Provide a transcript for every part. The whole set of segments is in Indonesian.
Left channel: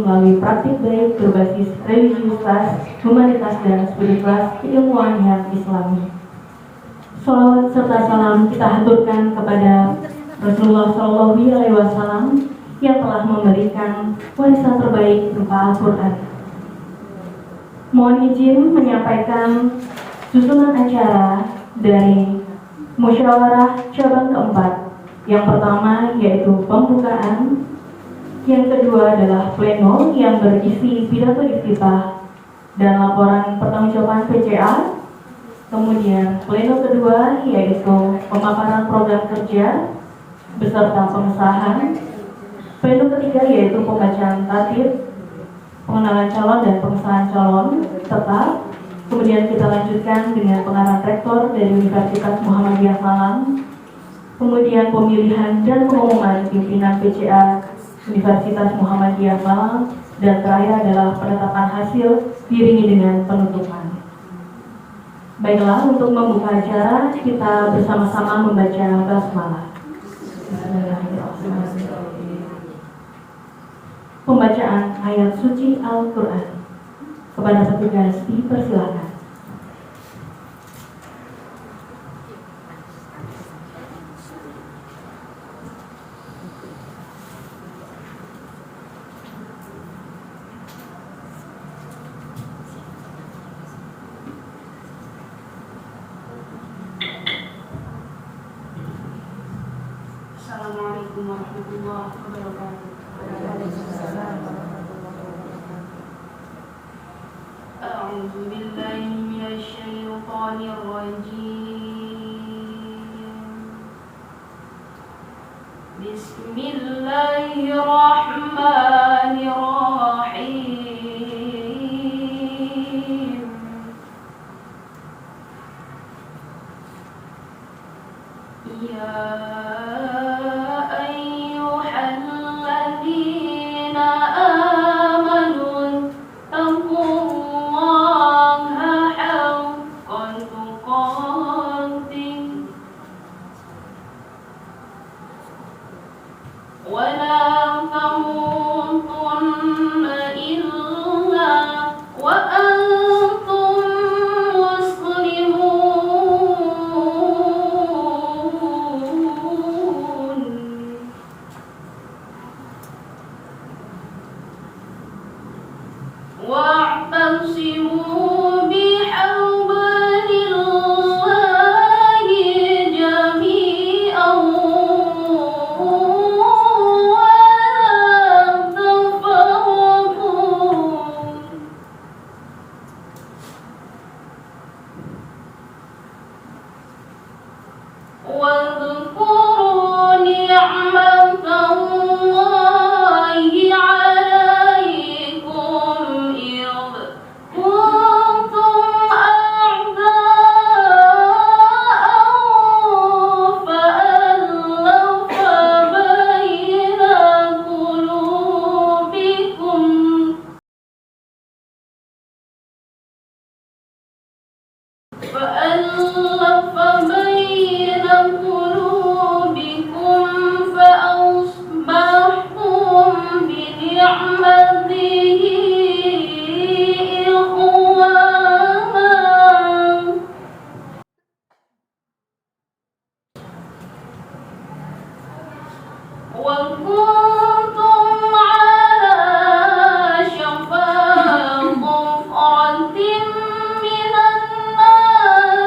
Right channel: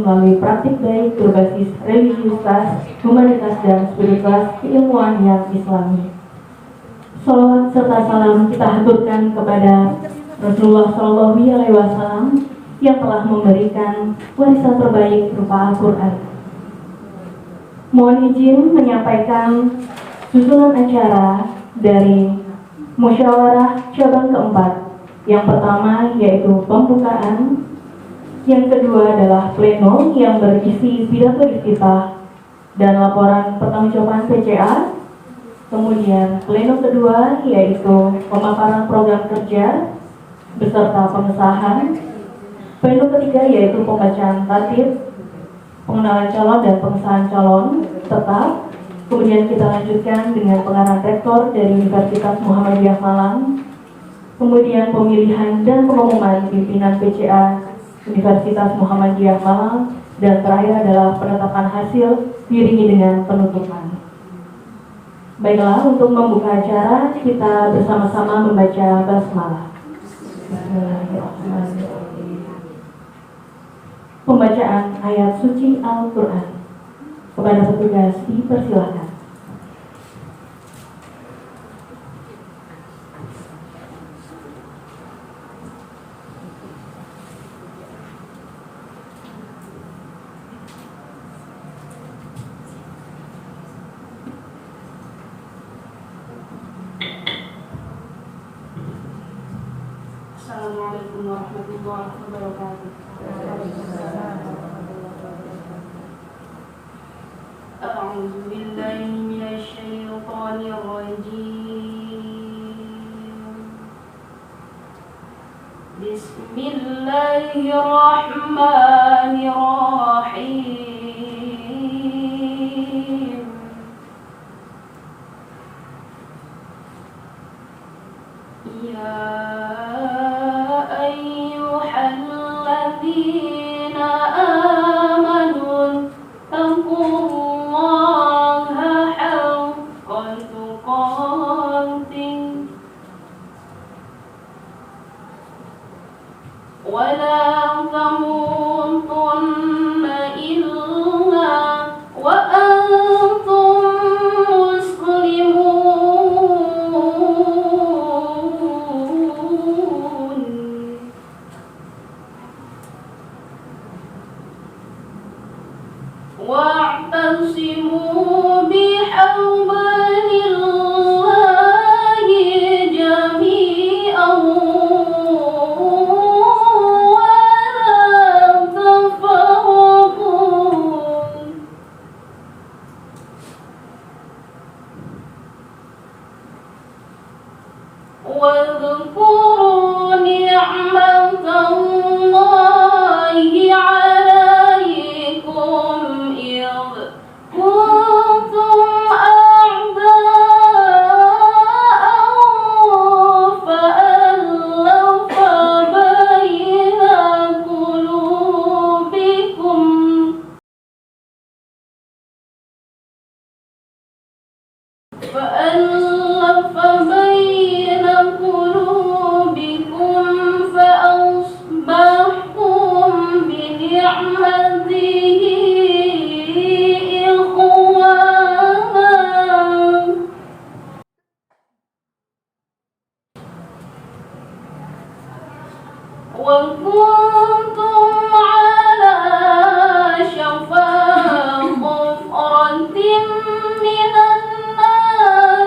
melalui praktik baik berbasis religiusitas, humanitas, dan spiritualitas keilmuan yang Islami. Salawat serta salam kita haturkan kepada Rasulullah SAW yang telah memberikan warisan terbaik berupa Al-Quran. Mohon izin menyampaikan susunan acara dari musyawarah cabang keempat. Yang pertama yaitu pembukaan, yang kedua adalah pleno yang berisi pidato iftitah dan laporan pertanggungjawaban PCA. Kemudian pleno kedua yaitu pemaparan program kerja beserta pengesahan. Pleno ketiga yaitu pembacaan tatib, pengenalan calon dan pengesahan calon tetap. Kemudian kita lanjutkan dengan pengarahan rektor dari Universitas Muhammadiyah Malang. Kemudian pemilihan dan pengumuman pimpinan PCA Universitas Muhammadiyah Malang, dan terakhir adalah penetapan hasil diiringi dengan penutupan. Baiklah, untuk membuka acara kita bersama-sama membaca basmalah. Pembacaan ayat suci Al-Quran. Kepada petugas dipersilakan. Assalamualaikum warahmatullahi wabarakatuh. A'udzu billahi minasy syaithanir rajim. Bismillahirrahmanirrahim. Ya wa'tasimu bihablillahi jami'an wa la tafarraqu. Wadhkuru ni'matallahi 'alaikum idh kuntum a'da'an fa'alafa baina qulubikum فأصبحتم بنعمته إخوانا وكنتم على شفا حفرة من النار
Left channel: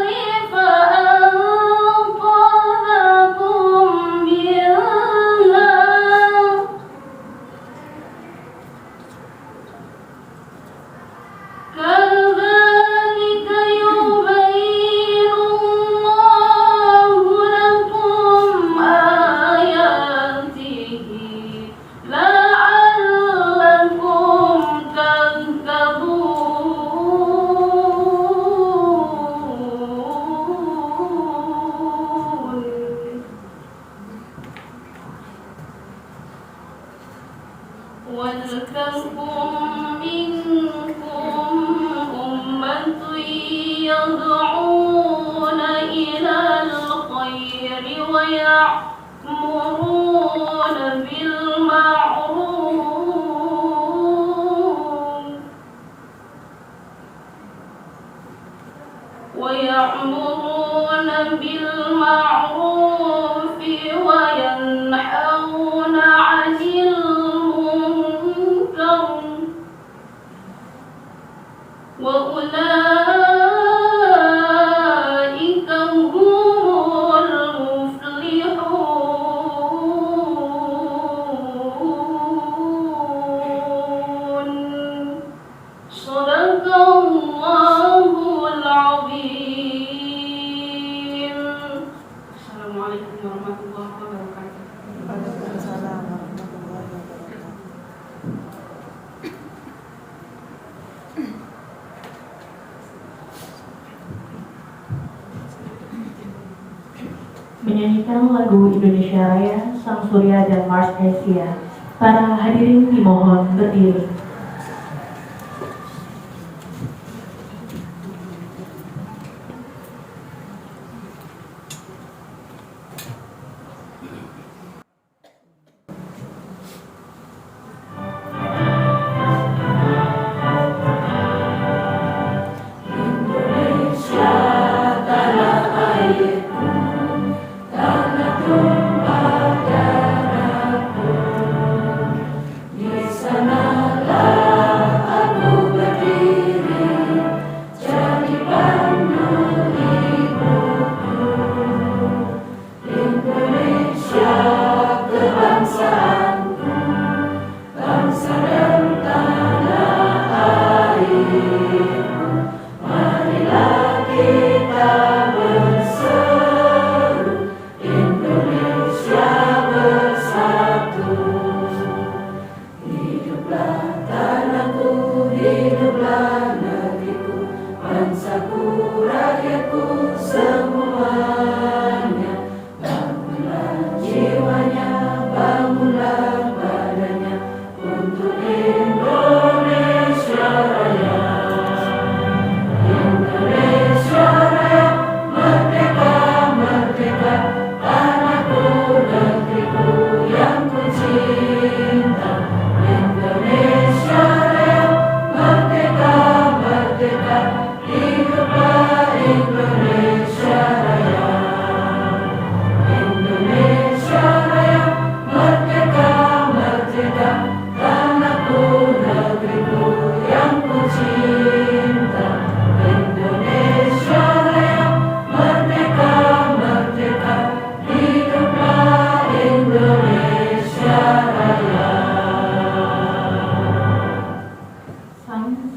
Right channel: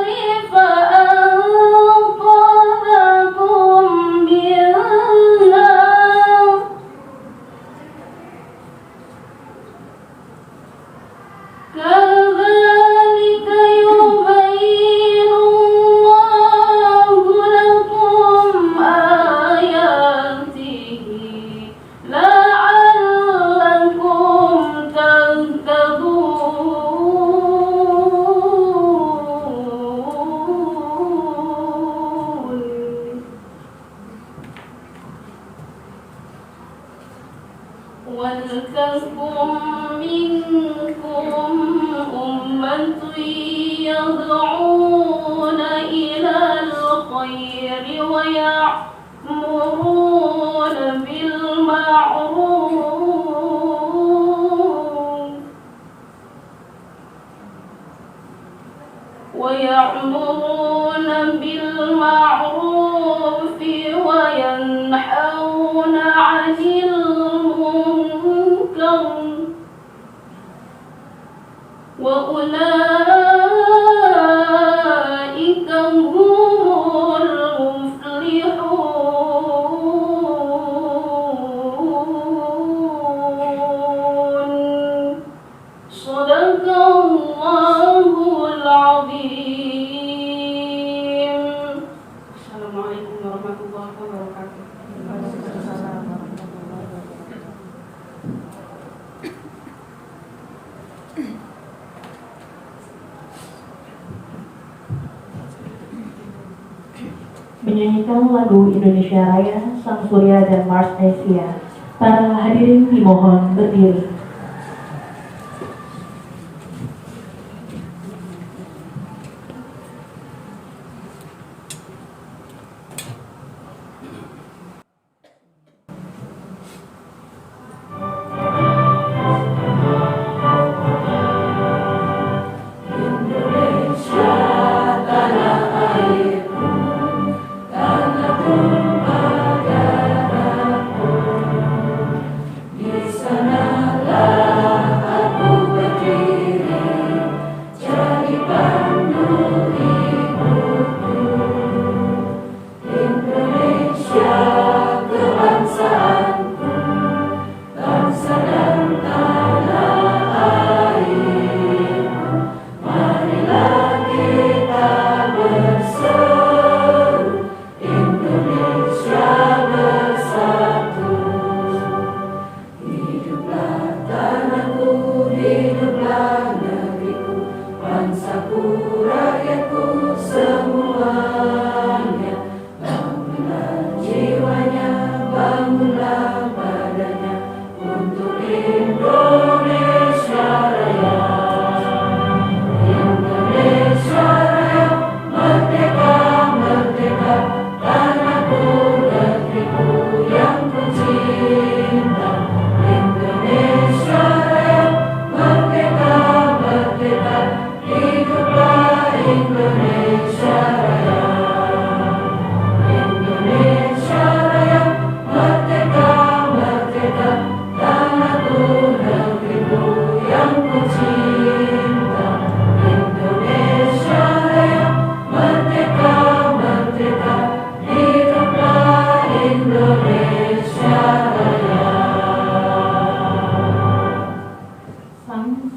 ويأمرون بالمعروف وينهون عن المنكر وأولئك هم المفلحون. صدق الله العظيم. السلام عليكم ورحمة الله وبركاته. Menyanyikan lagu Indonesia Raya, Sang Surya dan Mars Asia. Para hadirin dimohon berdiri.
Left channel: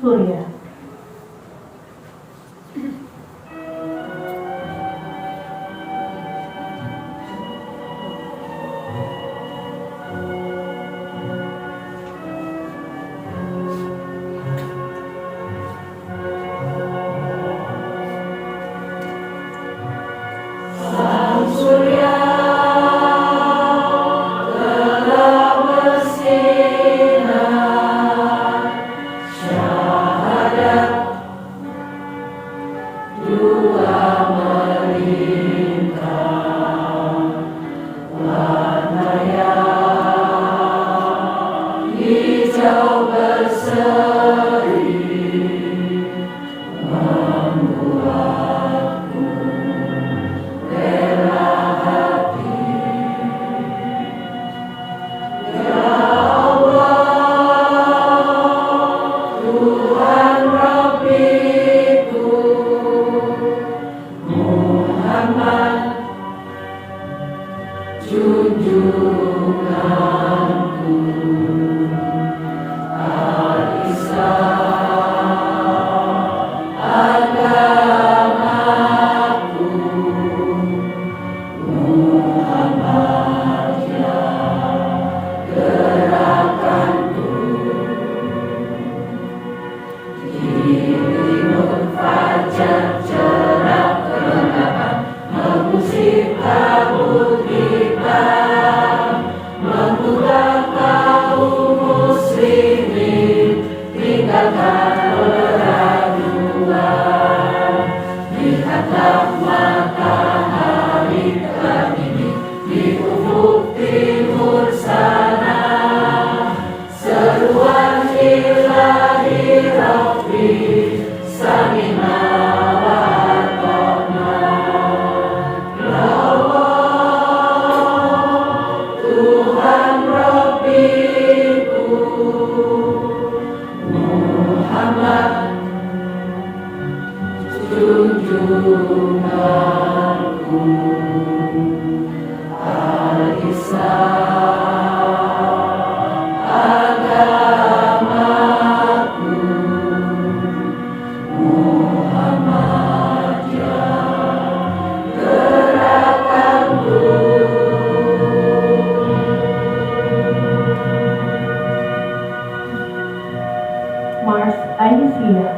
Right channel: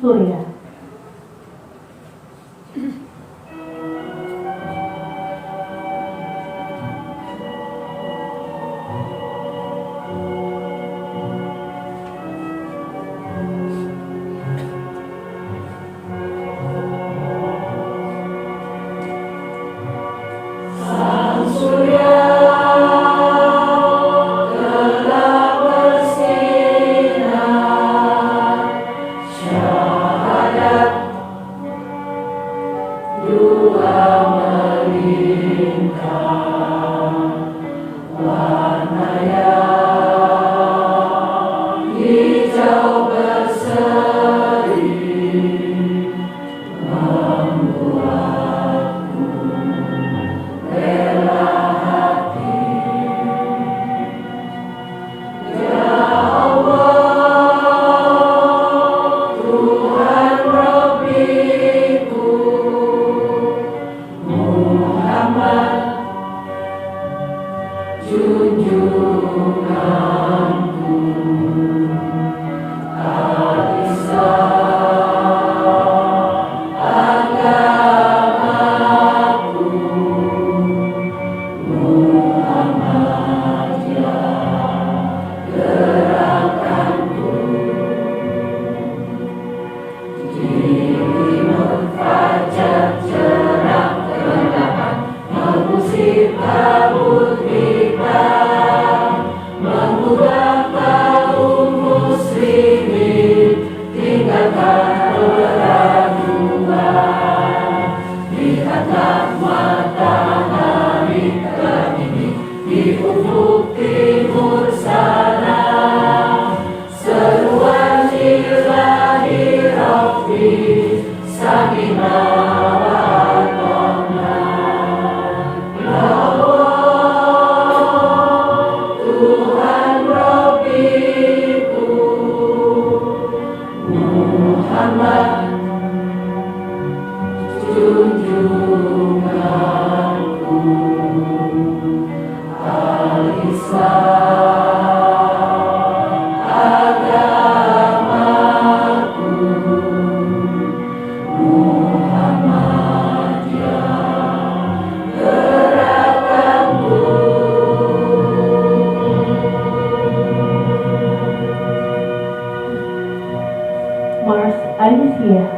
Surya. Tuhan Rabbiku, Mars Alicia.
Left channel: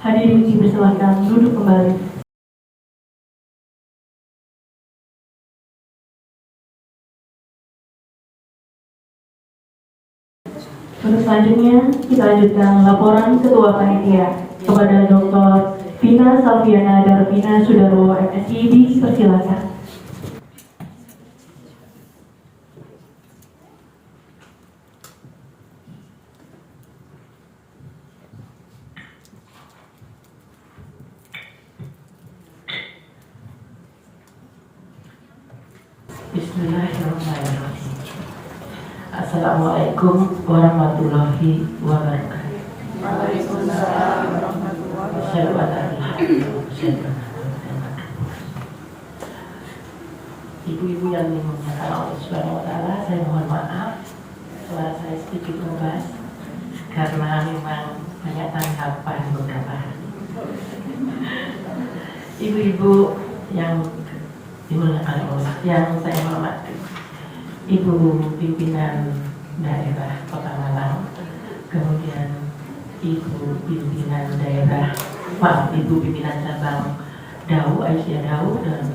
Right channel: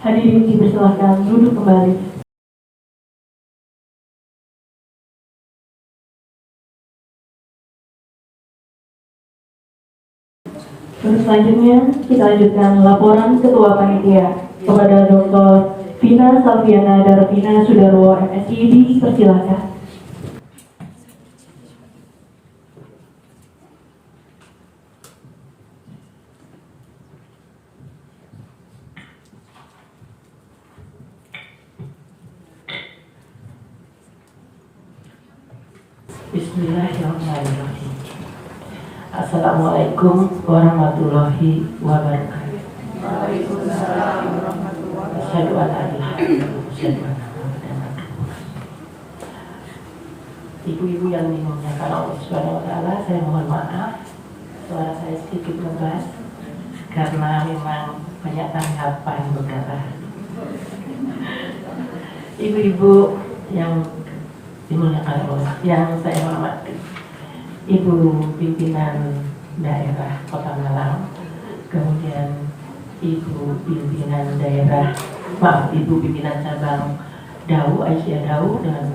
Hadirin dipersilakan duduk kembali. Untuk selanjutnya, kita lanjutkan laporan Ketua Panitia kepada Dr. Vina Salviana Darvina Sudarwo, MSI, dipersilakan. Bismillahirrahmanirrahim. Assalamualaikum warahmatullahi wabarakatuh. Waalaikumsalam warahmatullahi wabarakatuh. Ibu-ibu yang dimuliakan Allah Subhanahu wa Ta'ala, saya mohon maaf suara saya sedikit ngegas karena memang banyak tanggapan beberapa hari. Ibu-ibu yang dimuliakan Allah, yang saya hormati, Ibu pimpinan daerah Kota Malang, kemudian Ibu pimpinan cabang Dau, Aisyah Dau, dan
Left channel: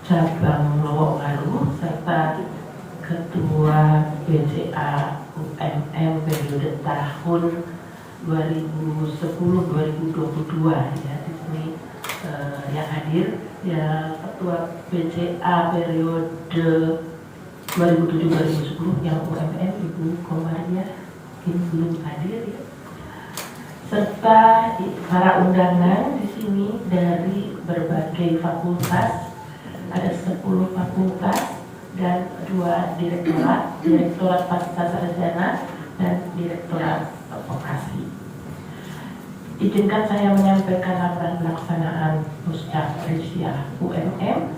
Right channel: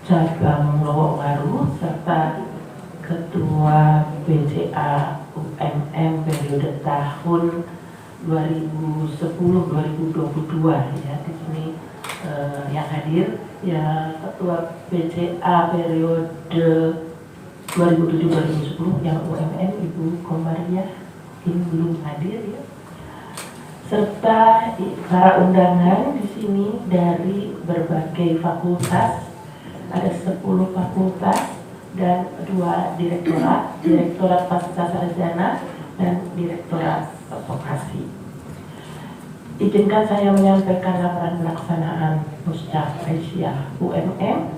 cabang Lowongaru, serta Ketua BCA UMM periode tahun 2010-2022 ya, di sini yang hadir ya Ketua BCA periode 2007-2010 yang UMM Ibu Komaria ini belum hadir ya, serta para undangan di sini dari berbagai fakultas, ada 10 fakultas dan 2 Direktorat Pasca Sarjana dan Direktorat Vokasi. Izinkan saya menyampaikan laporan pelaksanaan Muscak Aisyah UMM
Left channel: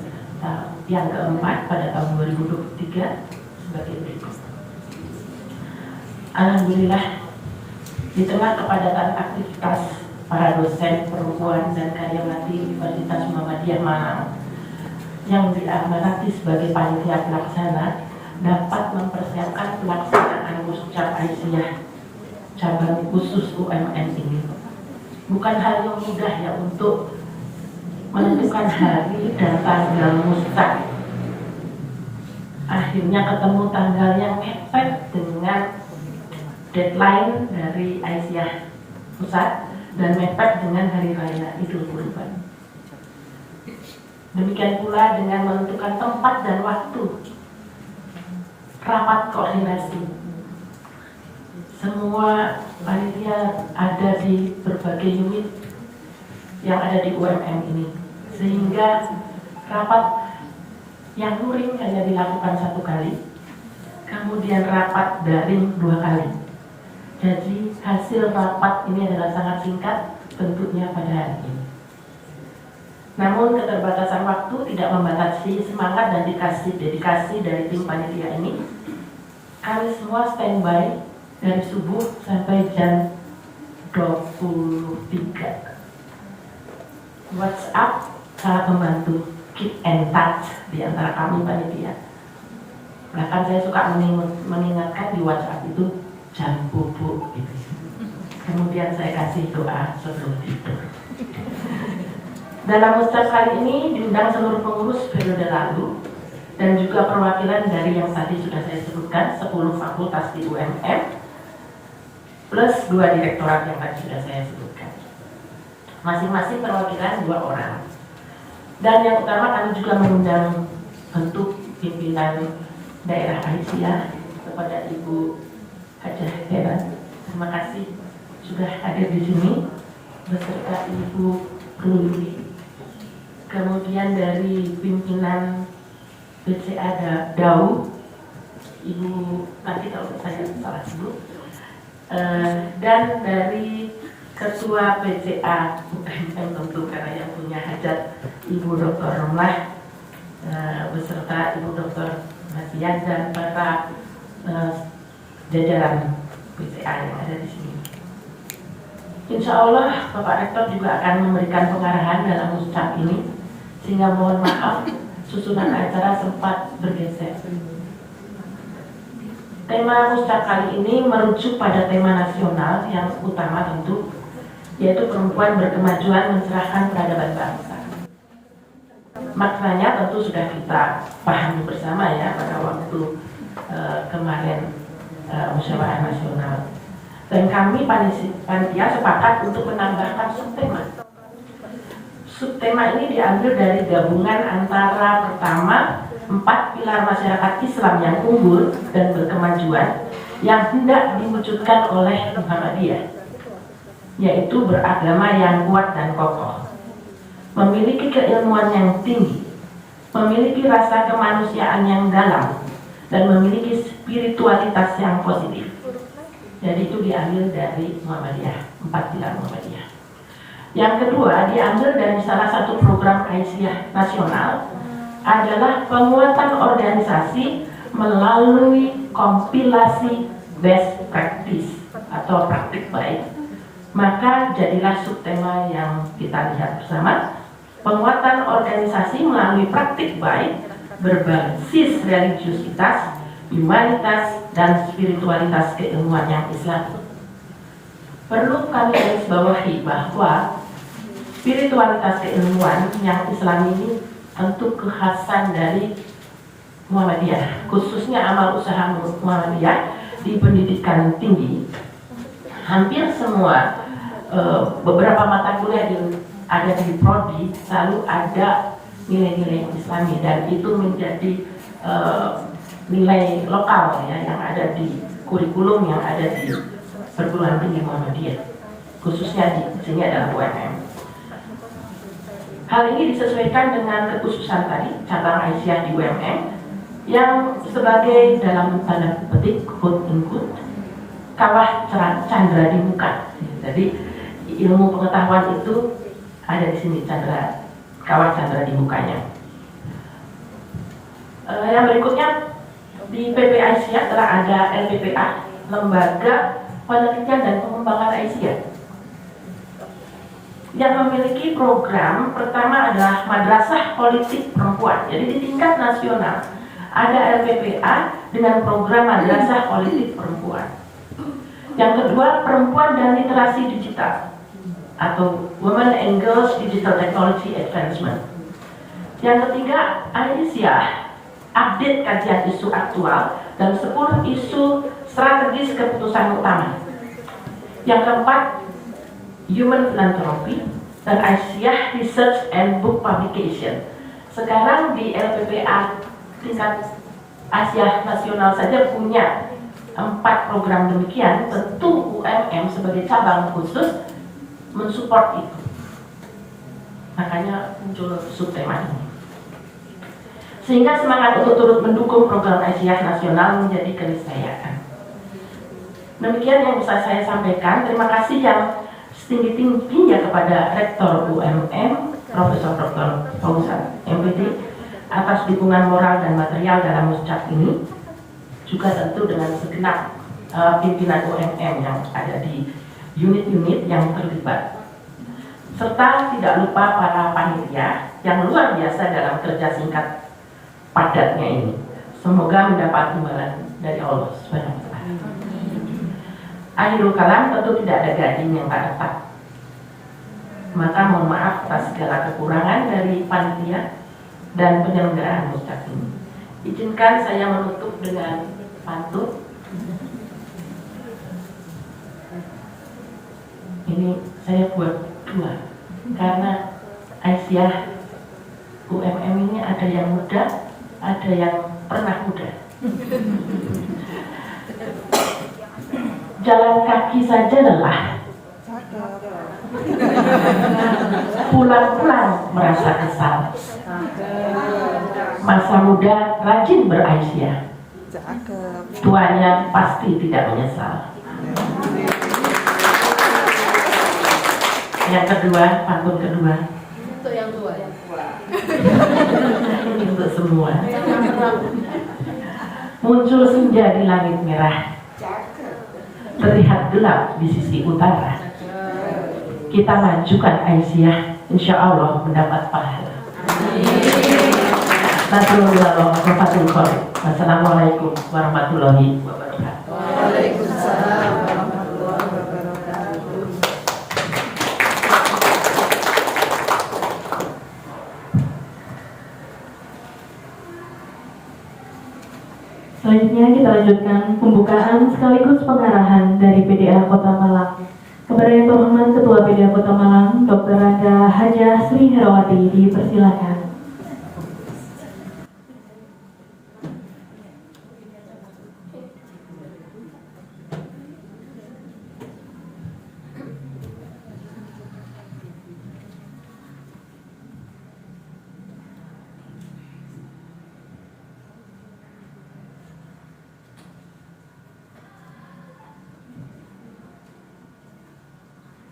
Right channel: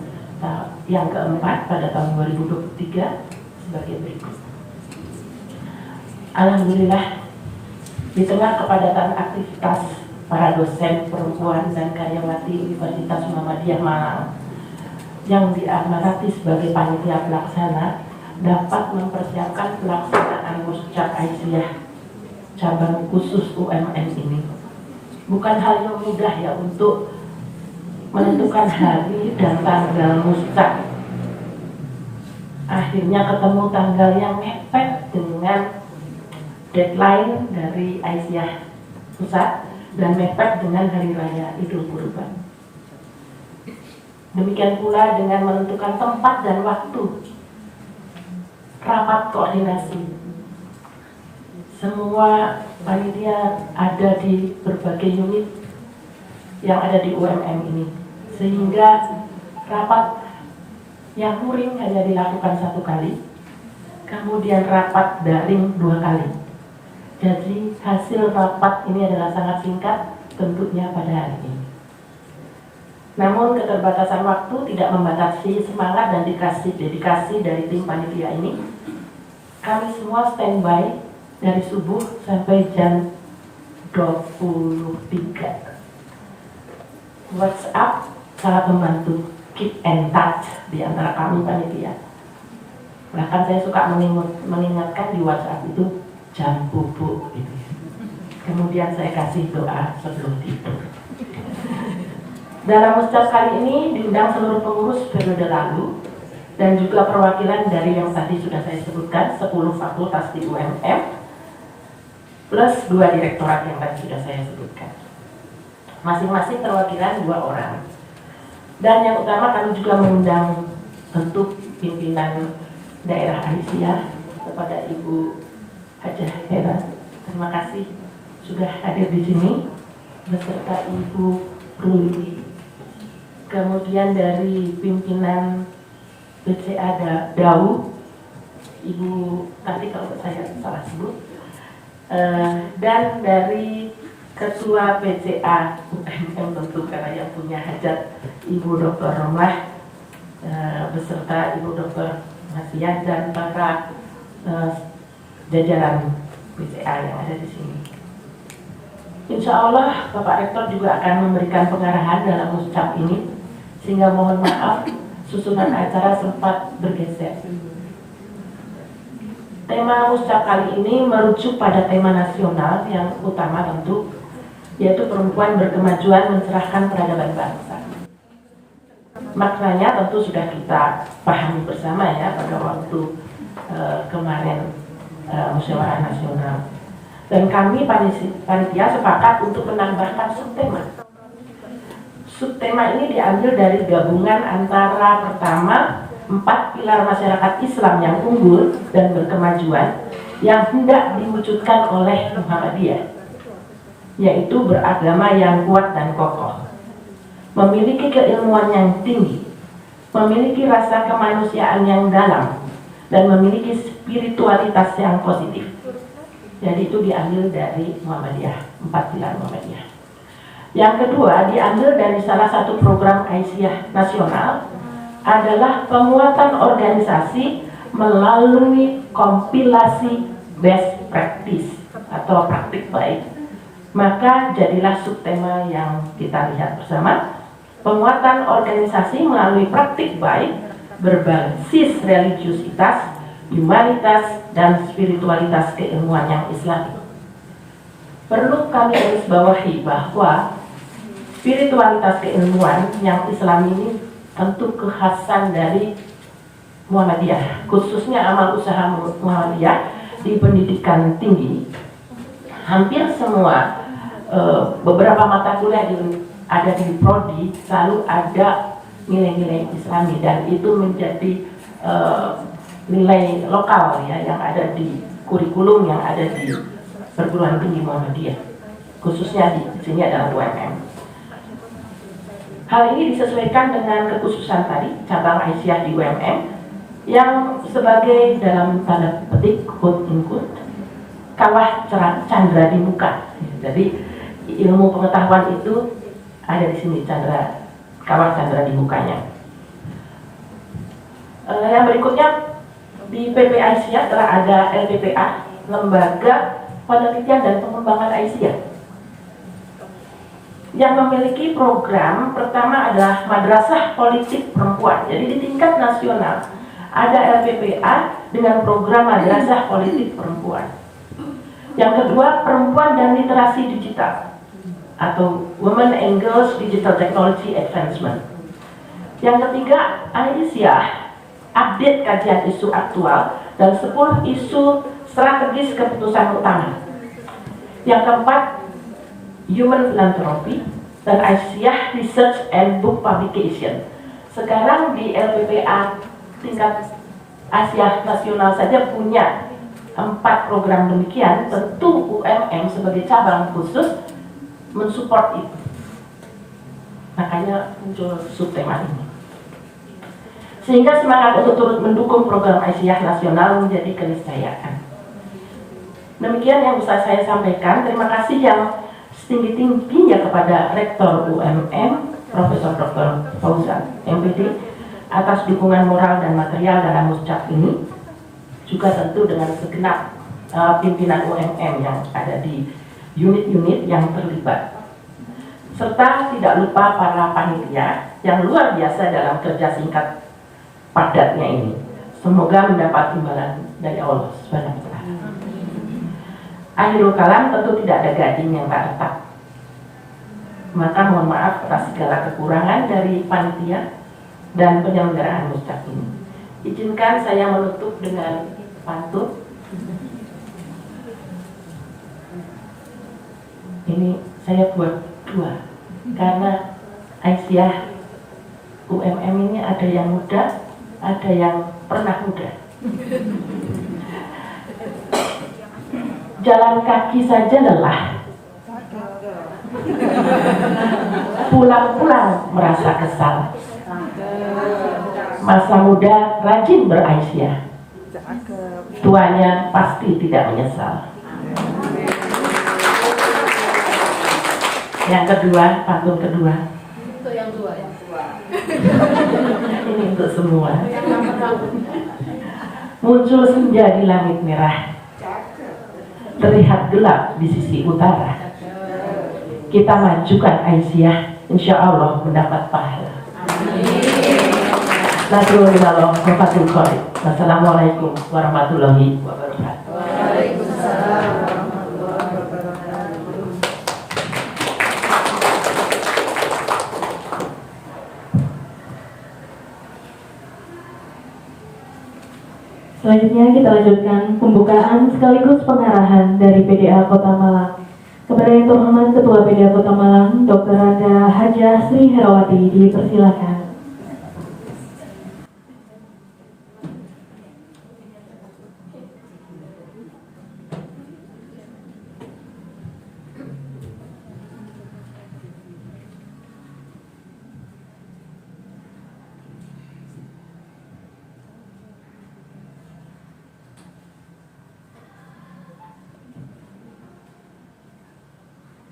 yang keempat pada tahun 2023 sebagai berikut. Alhamdulillah, di tengah kepadatan aktivitas para dosen perempuan dan karyawati Universitas Muhammadiyah Malang yang diamanati sebagai panitia pelaksana dapat mempersiapkan pelaksanaan Muscak Aisyah cabang khusus UMM ini. Bukan hal yang mudah ya untuk menentukan hari dan tanggal Muscak. Akhirnya ketemu tanggal yang mepet dengan deadline dari Aisyah Pusat dan mepet dengan Hari Raya Idul Kurban. Demikian pula dengan menentukan tempat dan waktu rapat koordinasi. Semua panitia ada di berbagai unit yang ada di UMM ini, sehingga rapat yang luring hanya dilakukan 1 kali, kemudian rapat daring 2 kali. Jadi hasil rapat ini adalah sangat singkat bentuknya pada hari ini. Namun keterbatasan waktu tidak membatasi semangat dan dedikasi dari tim panitia ini. Kami semua standby dari subuh sampai jam 23. WhatsApp sangat membantu keep and touch di antara kami panitia. Bahkan saya suka mengingatkan di WhatsApp itu jam bubuk gitu. Kemudian saya kasih doa sebelum tidur. Dalam Muscak kali ini diundang seluruh pengurus periode lalu dan juga perwakilan dari yang tadi sudah saya sebutkan 10 fakultas di UMM plus 2 direktorat yang tadi sudah saya sebutkan. Masing-masing perwakilan 2 orang. Dan yang utama kami juga mengundang bentuk pimpinan daerah Aisyah kepada Ibu Hajah Hebat. Terima kasih sudah hadir di sini beserta Ibu Ruli. Kemudian dari pimpinan BCA DAU, Ibu nanti kalau saya salah sebut. Dan dari Ketua PCA UMM tentu karena yang punya hajat Ibu Dr. Romlah beserta Ibu Dr. Nasian dan para jajaran PCA yang ada di sini. Insya Allah Bapak Rektor juga akan memberikan pengarahan dalam Muscak ini, sehingga mohon maaf susunan acara sempat bergeser. Tema Muscak kali ini merujuk pada tema nasional yang utama tentu, yaitu perempuan berkemajuan mencerahkan peradaban bangsa. Maknanya tentu sudah kita pahami bersama ya pada waktu kemarin musyawarah nasional. Dan kami panitia sepakat untuk menambahkan subtema. Subtema ini diambil dari gabungan antara pertama 4 pilar masyarakat Islam yang unggul dan berkemajuan yang hendak diwujudkan oleh Muhammadiyah, yaitu beragama yang kuat dan kokoh, memiliki keilmuan yang tinggi, memiliki rasa kemanusiaan yang dalam, dan memiliki spiritualitas yang positif. Jadi itu diambil dari Muhammadiyah, 4 pilar Muhammadiyah. Yang kedua diambil dari salah satu program Aisyah nasional, adalah penguatan organisasi melalui kompilasi best practice atau praktik baik. Maka jadilah subtema yang kita lihat bersama, penguatan organisasi melalui praktik baik berbasis religiusitas, humanitas, dan spiritualitas keilmuan yang Islam. Perlu kami garis bawahi bahwa spiritualitas keilmuan yang Islam ini tentu kekhasan dari Muhammadiyah, khususnya amal usaha Muhammadiyah di pendidikan tinggi. Hampir semua beberapa mata kuliah ada di prodi selalu ada nilai-nilai Islami, dan itu menjadi nilai lokal ya yang ada di kurikulum yang ada di perguruan tinggi Muhammadiyah, khususnya di sini adalah UMM. Hal ini disesuaikan dengan kekhususan tadi cabang Aisyah di UMM yang sebagai dalam tanda petik quote in quote kawah candra di muka. Jadi ilmu pengetahuan itu ada di sini, Chandra, kawan Chandra di mukanya. Yang berikutnya di PPICA telah ada LPPA, Lembaga Penelitian dan Pengembangan Aisyah, yang memiliki program pertama adalah Madrasah Politik Perempuan. Jadi di tingkat nasional ada LPPA dengan program Madrasah Politik Perempuan. Yang kedua, Perempuan dan Literasi Digital atau Women and Girls Digital Technology Advancement. Yang ketiga, Aisyah update kajian isu aktual dan 10 isu strategis keputusan utama. Yang keempat, Human Philanthropy dan Aisyah Research and Book Publication. Sekarang di LPPA tingkat Asia nasional saja punya 4 program demikian. Tentu UMM sebagai cabang khusus mensupport itu. Makanya muncul subtema ini. Sehingga semangat untuk turut mendukung program Aisyah nasional menjadi keniscayaan. Demikian yang bisa saya sampaikan. Terima kasih yang setinggi-tingginya kepada Rektor UMM, Profesor Dr. Fauzan MPD, atas dukungan moral dan material dalam muscak ini. Juga tentu dengan segenap pimpinan UMM yang ada di unit-unit yang terlibat. Serta tidak lupa para panitia yang luar biasa dalam kerja singkat padatnya ini. Semoga mendapat imbalan dari Allah SWT. Akhirul kalam, tentu tidak ada gading yang tak retak. Maka mohon maaf atas segala kekurangan dari panitia dan penyelenggaraan muscak ini. Izinkan saya menutup dengan pantun. Ini saya buat 2 karena Aisyah UMM ini ada yang muda, ada yang pernah muda. Jalan kaki saja lelah, pulang-pulang merasa kesal. Masa muda rajin beraisyah, tuanya pasti tidak menyesal. Yang kedua, pantun kedua. Untuk yang dua ya. Ini untuk semua. Muncul senja di langit merah, terlihat gelap di sisi utara. Kita majukan Aisyah, insya Allah mendapat pahala. Wassalamualaikum warahmatullahi wabarakatuh. Waalaikumsalam. Selanjutnya kita lanjutkan pembukaan sekaligus pengarahan dari PDA Kota Malang. Kepada yang terhormat Ketua PDA Kota Malang, Dr. Randa Hajah Sri Herawati, dipersilakan.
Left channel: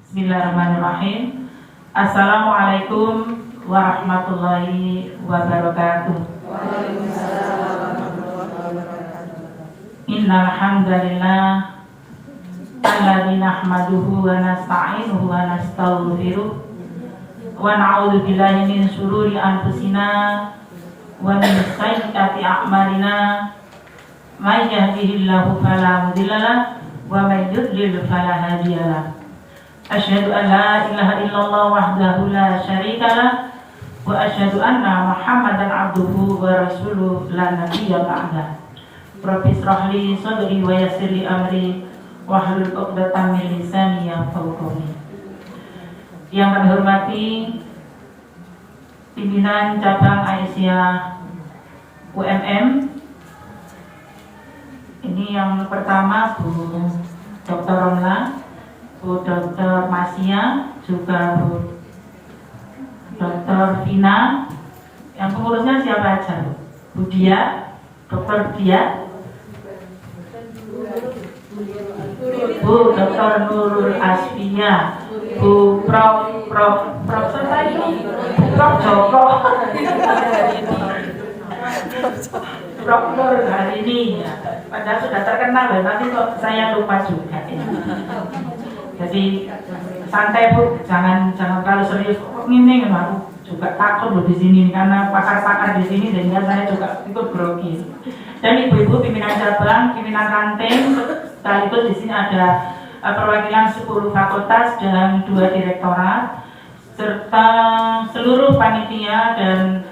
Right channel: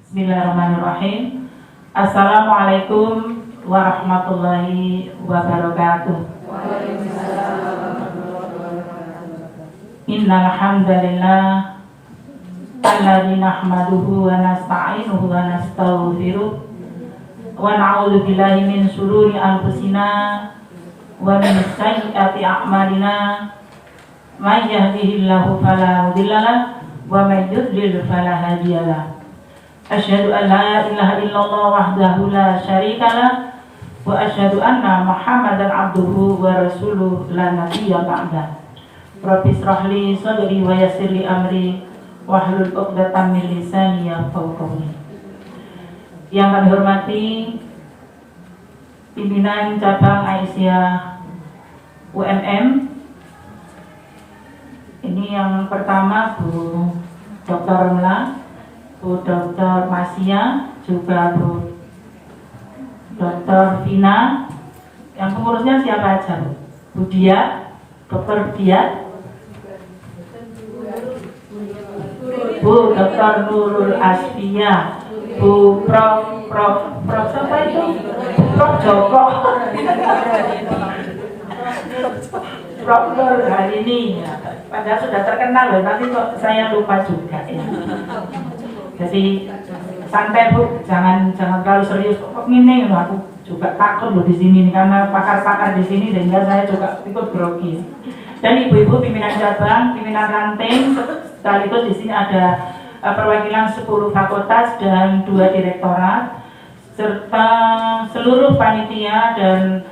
Bismillahirrahmanirrahim. Assalamualaikum warahmatullahi wabarakatuh. Innal hamdalillah alladzi nahmaduhu wa nasta'inuhu wa nastaghfiruh wa na'udzu billahi min shururi anfusina wa min sayyiati a'malina. May yahdihillahu fala mudilla lahu wa may yudlil fala hadiya lahu. Asyhadu an la ilaha illallah wahdahu la syarika lah wa asyhadu anna Muhammadan abduhu wa rasuluh la nabiyya ba'da. Rabbi shrah li sadri wa yassir li amri wahlul 'uqdatam min lisani yafqahu qawli. Yang kami hormati pimpinan cabang Aisyah UMM. Ini yang pertama Bu Dr. Romla, Bu Dr. Masia, juga Bu Dr. Vina. Yang pengurusnya siapa aja? Bu Dia, Dr. Dia, Bu Dr. Nurul Asfia, Bu Prof siapa itu? Prof Joko. Prof Nur hari ini ya. Padahal sudah terkenal loh, tapi kok saya lupa juga ya. Jadi santai Bu, jangan terlalu serius. Kok ini aku juga takut loh di sini karena pakar-pakar di sini sehingga saya juga ikut grogi. Dan ibu-ibu pimpinan cabang, pimpinan ranting, sekaligus di sini ada perwakilan 10 fakultas dan 2 direktorat serta seluruh panitia dan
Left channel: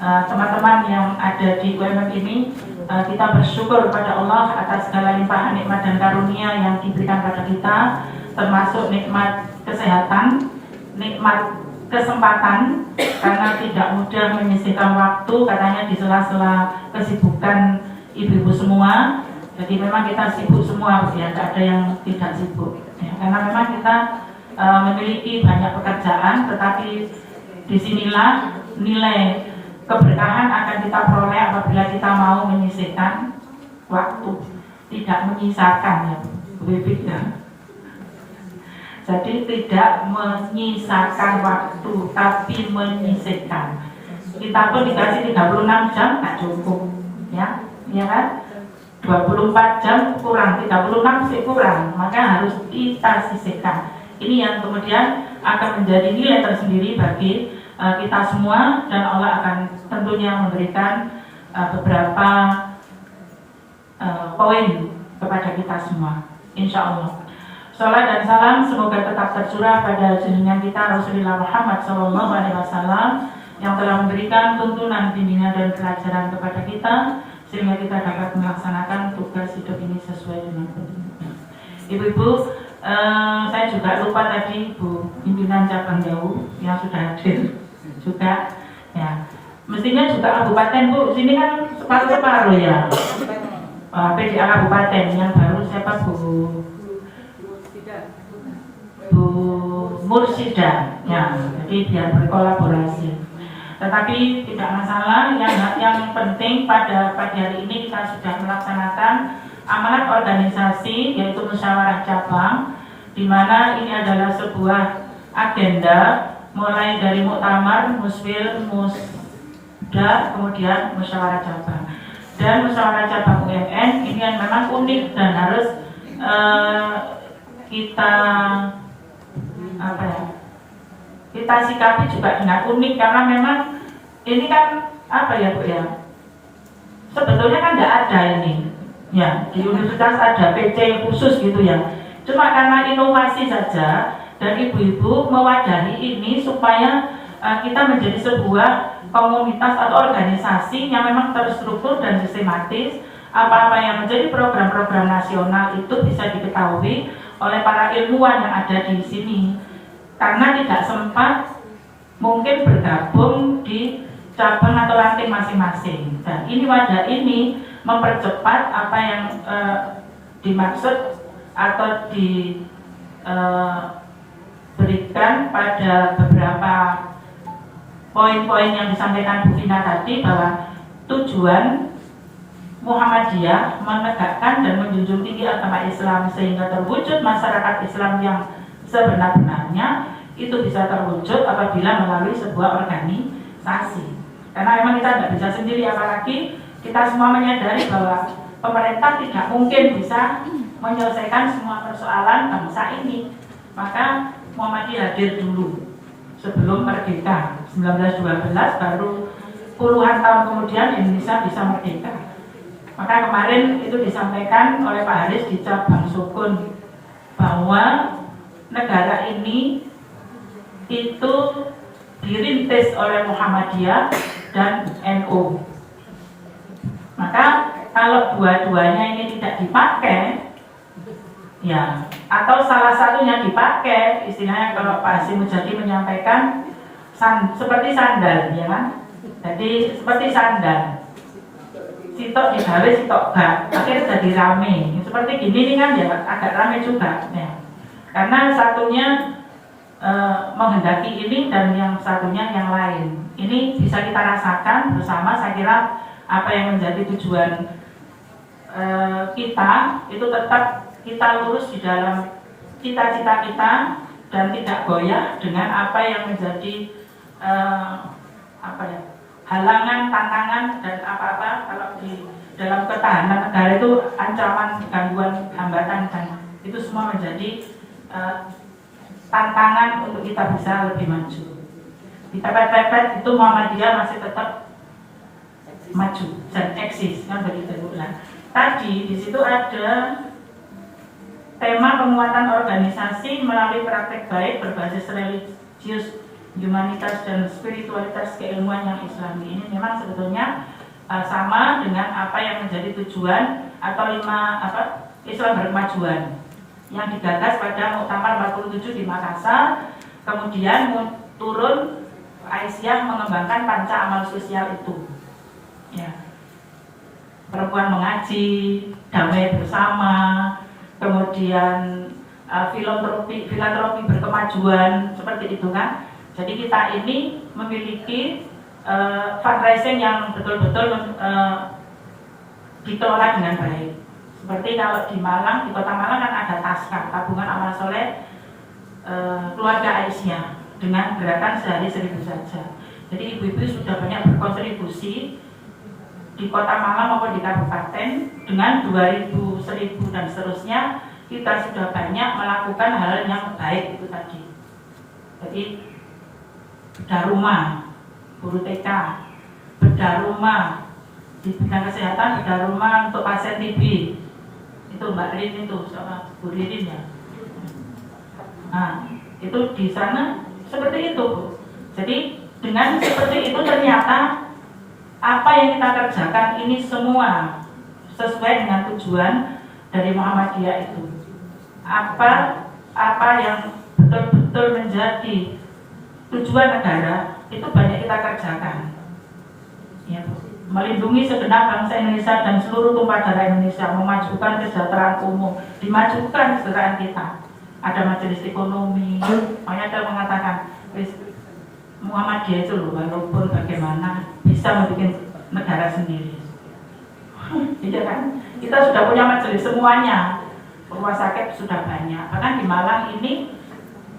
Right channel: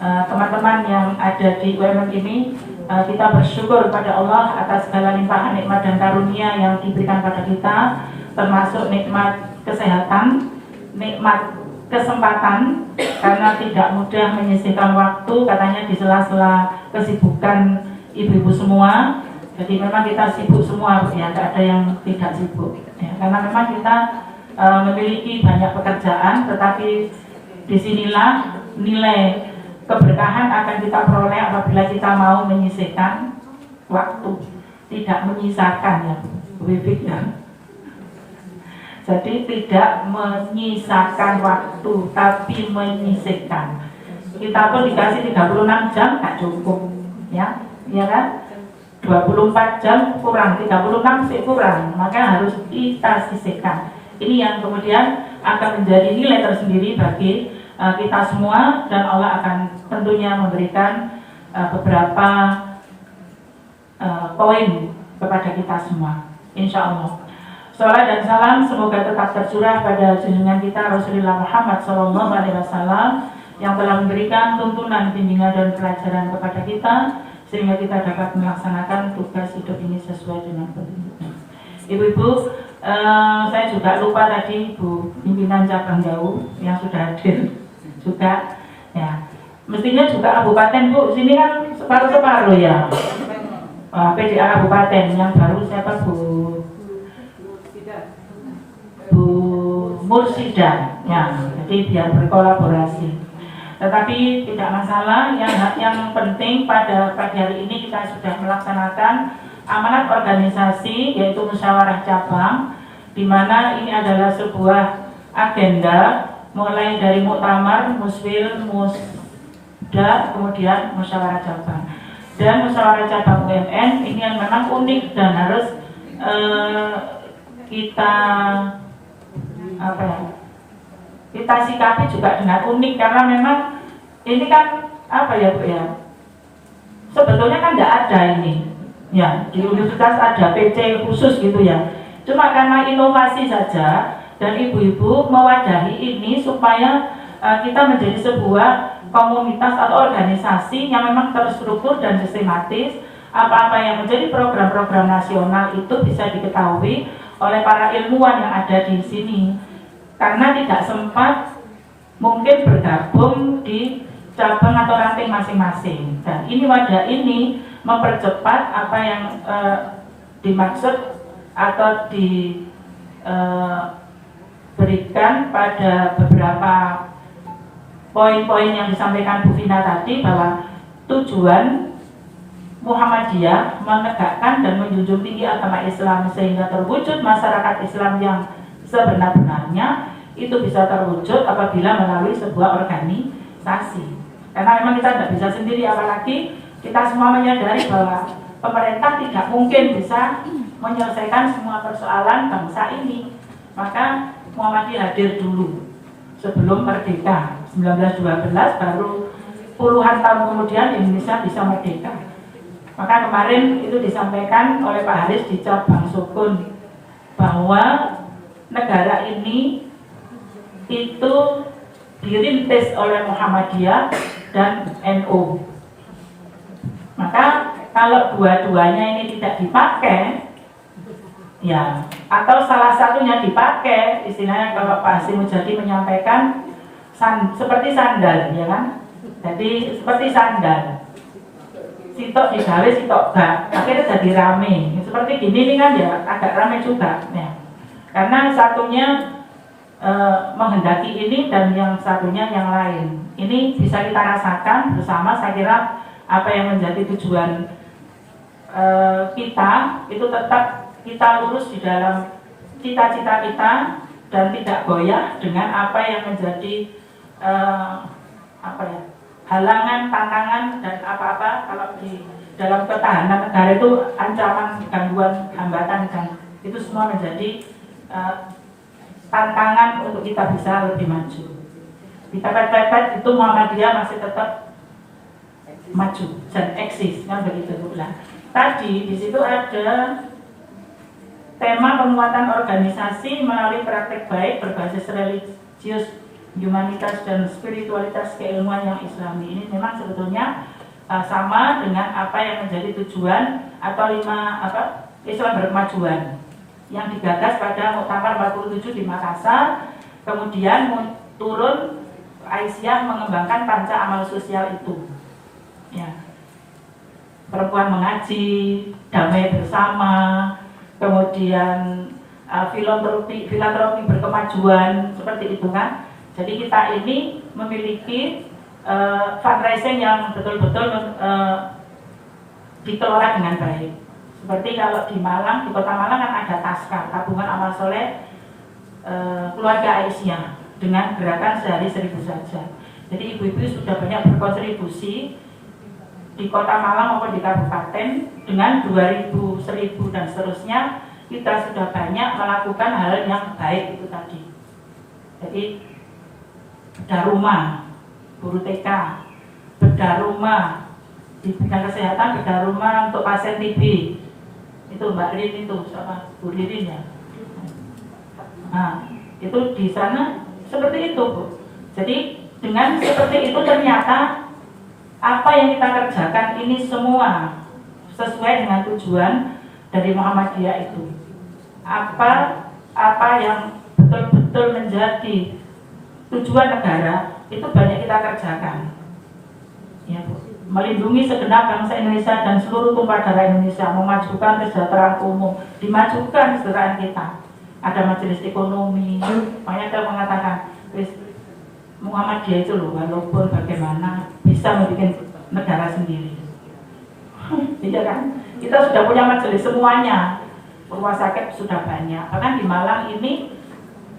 teman-teman yang ada di UMM ini. Kita bersyukur kepada Allah atas segala limpahan nikmat dan karunia yang diberikan pada kita, termasuk nikmat kesehatan, nikmat kesempatan, karena tidak mudah menyisihkan waktu katanya di sela-sela kesibukan ibu-ibu semua. Jadi memang kita sibuk semua ya, tidak ada yang tidak sibuk ya, karena memang kita memiliki banyak pekerjaan, tetapi disinilah nilai keberkahan akan kita peroleh apabila kita mau menyisihkan waktu, tidak menyisakan ya, ya. Jadi tidak menyisakan waktu, tapi menyisihkan. Kita pun dikasih 36 jam tak cukup, ya kan? 24 jam kurang, 36 sih kurang, maka harus kita sisihkan. Ini yang kemudian akan menjadi nilai tersendiri bagi kita semua, dan Allah akan tentunya memberikan beberapa poin kepada kita semua, insya Allah. Salam dan salam semoga tetap tercurah pada junjungan kita Rasulullah Muhammad SAW yang telah memberikan tuntunan, bimbingan dan pelajaran kepada kita sehingga kita dapat melaksanakan tugas hidup ini sesuai dengan petunjuknya. Ibu-ibu, saya juga lupa tadi Bu pimpinan cabang jauh yang sudah hadir juga, ya. Mestinya juga kabupaten Bu, sini kan separuh-separuh ya. PDA kabupaten yang baru siapa Bu Mursida, ya. Jadi biar berkolaborasi. Tetapi tidak masalah, yang penting pada pagi hari ini kita sudah melaksanakan amanat organisasi yaitu musyawarah cabang, di mana ini adalah sebuah agenda mulai dari muktamar, muswil, musda, kemudian musyawarah cabang. Dan musyawarah cabang UMN ini yang memang unik dan harus kita sikapi juga dengan unik, karena memang ini kan Bu ya, sebetulnya kan tidak ada ini ya, di universitas ada PC khusus gitu ya, cuma karena inovasi saja dan ibu-ibu mewadahi ini supaya kita menjadi sebuah komunitas atau organisasi yang memang terstruktur dan sistematis. Apa-apa yang menjadi program-program nasional itu bisa diketahui oleh para ilmuwan yang ada di sini, karena tidak sempat mungkin bergabung di cabang atau ranting masing-masing. Dan ini wadah ini mempercepat apa yang dimaksud atau diberikan pada beberapa poin-poin yang disampaikan Bu Vina tadi, bahwa tujuan Muhammadiyah menegakkan dan menjunjung tinggi agama Islam sehingga terwujud masyarakat Islam yang sebenar-benarnya. Itu bisa terwujud apabila melalui sebuah organisasi. Karena memang kita tidak bisa sendiri, apalagi kita semua menyadari bahwa pemerintah tidak mungkin bisa menyelesaikan semua persoalan bangsa ini. Maka Muhammadiyah hadir dulu sebelum merdeka 1912, baru puluhan tahun kemudian Indonesia bisa merdeka. Maka kemarin itu disampaikan oleh Pak Haris di cabang Sukun bahwa negara ini itu dirintis oleh Muhammadiyah dan NU. Maka kalau dua-duanya ini tidak dipakai, ya, atau salah satunya dipakai, istilahnya kalau Pak Hasim Mujadi menyampaikan seperti sandal, ya kan? Jadi seperti sandal. Sitok digawe, sitok gak, akhirnya jadi rame. Seperti gini nih kan ya, agak rame juga ya. Karena satunya menghendaki ini dan yang satunya yang lain. Ini bisa kita rasakan bersama. Saya kira apa yang menjadi tujuan kita itu tetap kita lurus di dalam cita-cita kita, dan tidak goyah dengan apa yang menjadi halangan, tantangan dan apa-apa kalau di dalam ketahanan negara itu ancaman, gangguan, hambatan dan itu semua menjadi tantangan untuk kita bisa lebih maju. Kita kata itu Muhammadiyah masih tetap maju dan eksis, kan begitu. Nah, tadi di situ ada tema penguatan organisasi melalui praktek baik berbasis religius, humanitas dan spiritualitas keilmuan yang Islami. Ini memang sebetulnya sama dengan apa yang menjadi tujuan atau 5 Islam berkemajuan yang digagas pada Muktamar 47 di Makassar, kemudian turun Aisyah mengembangkan panca amal sosial itu. Ya. Perempuan mengaji, damai bersama, kemudian filantropi berkemajuan, seperti itu kan. Jadi kita ini memiliki fundraising yang betul-betul dikelola dengan baik. Seperti kalau di Malang, di Kota Malang kan ada TASKA, Tabungan Amal Soleh Keluarga Aisyah, dengan gerakan sehari 1000 saja. Jadi ibu-ibu sudah banyak berkontribusi di Kota Malang maupun di kabupaten dengan 2000, 1000 dan seterusnya. Kita sudah banyak melakukan hal yang baik itu tadi. Jadi bedah rumah, guru TK, bedah rumah di bidang kesehatan, bedah rumah untuk pasien TB. Itu Mbak Rin itu sama Bu Ririn ya. Nah, itu di sana seperti itu, Bu. Jadi dengan seperti itu ternyata apa yang kita kerjakan ini semua sesuai dengan tujuan dari Muhammadiyah itu. Apa yang betul-betul menjadi tujuan negara itu banyak kita kerjakan. Ya, Bu. Melindungi segenap bangsa Indonesia dan seluruh tumpah darah Indonesia, memajukan kesejahteraan umum, dimajukan kesejahteraan kita. Ada majelis ekonomi, makanya dia mengatakan, Muhammadiyah itu loh, walaupun bagaimana bisa membuat negara sendiri. Iya kan? Kita sudah punya majelis semuanya, rumah sakit sudah banyak. Bahkan di Malang ini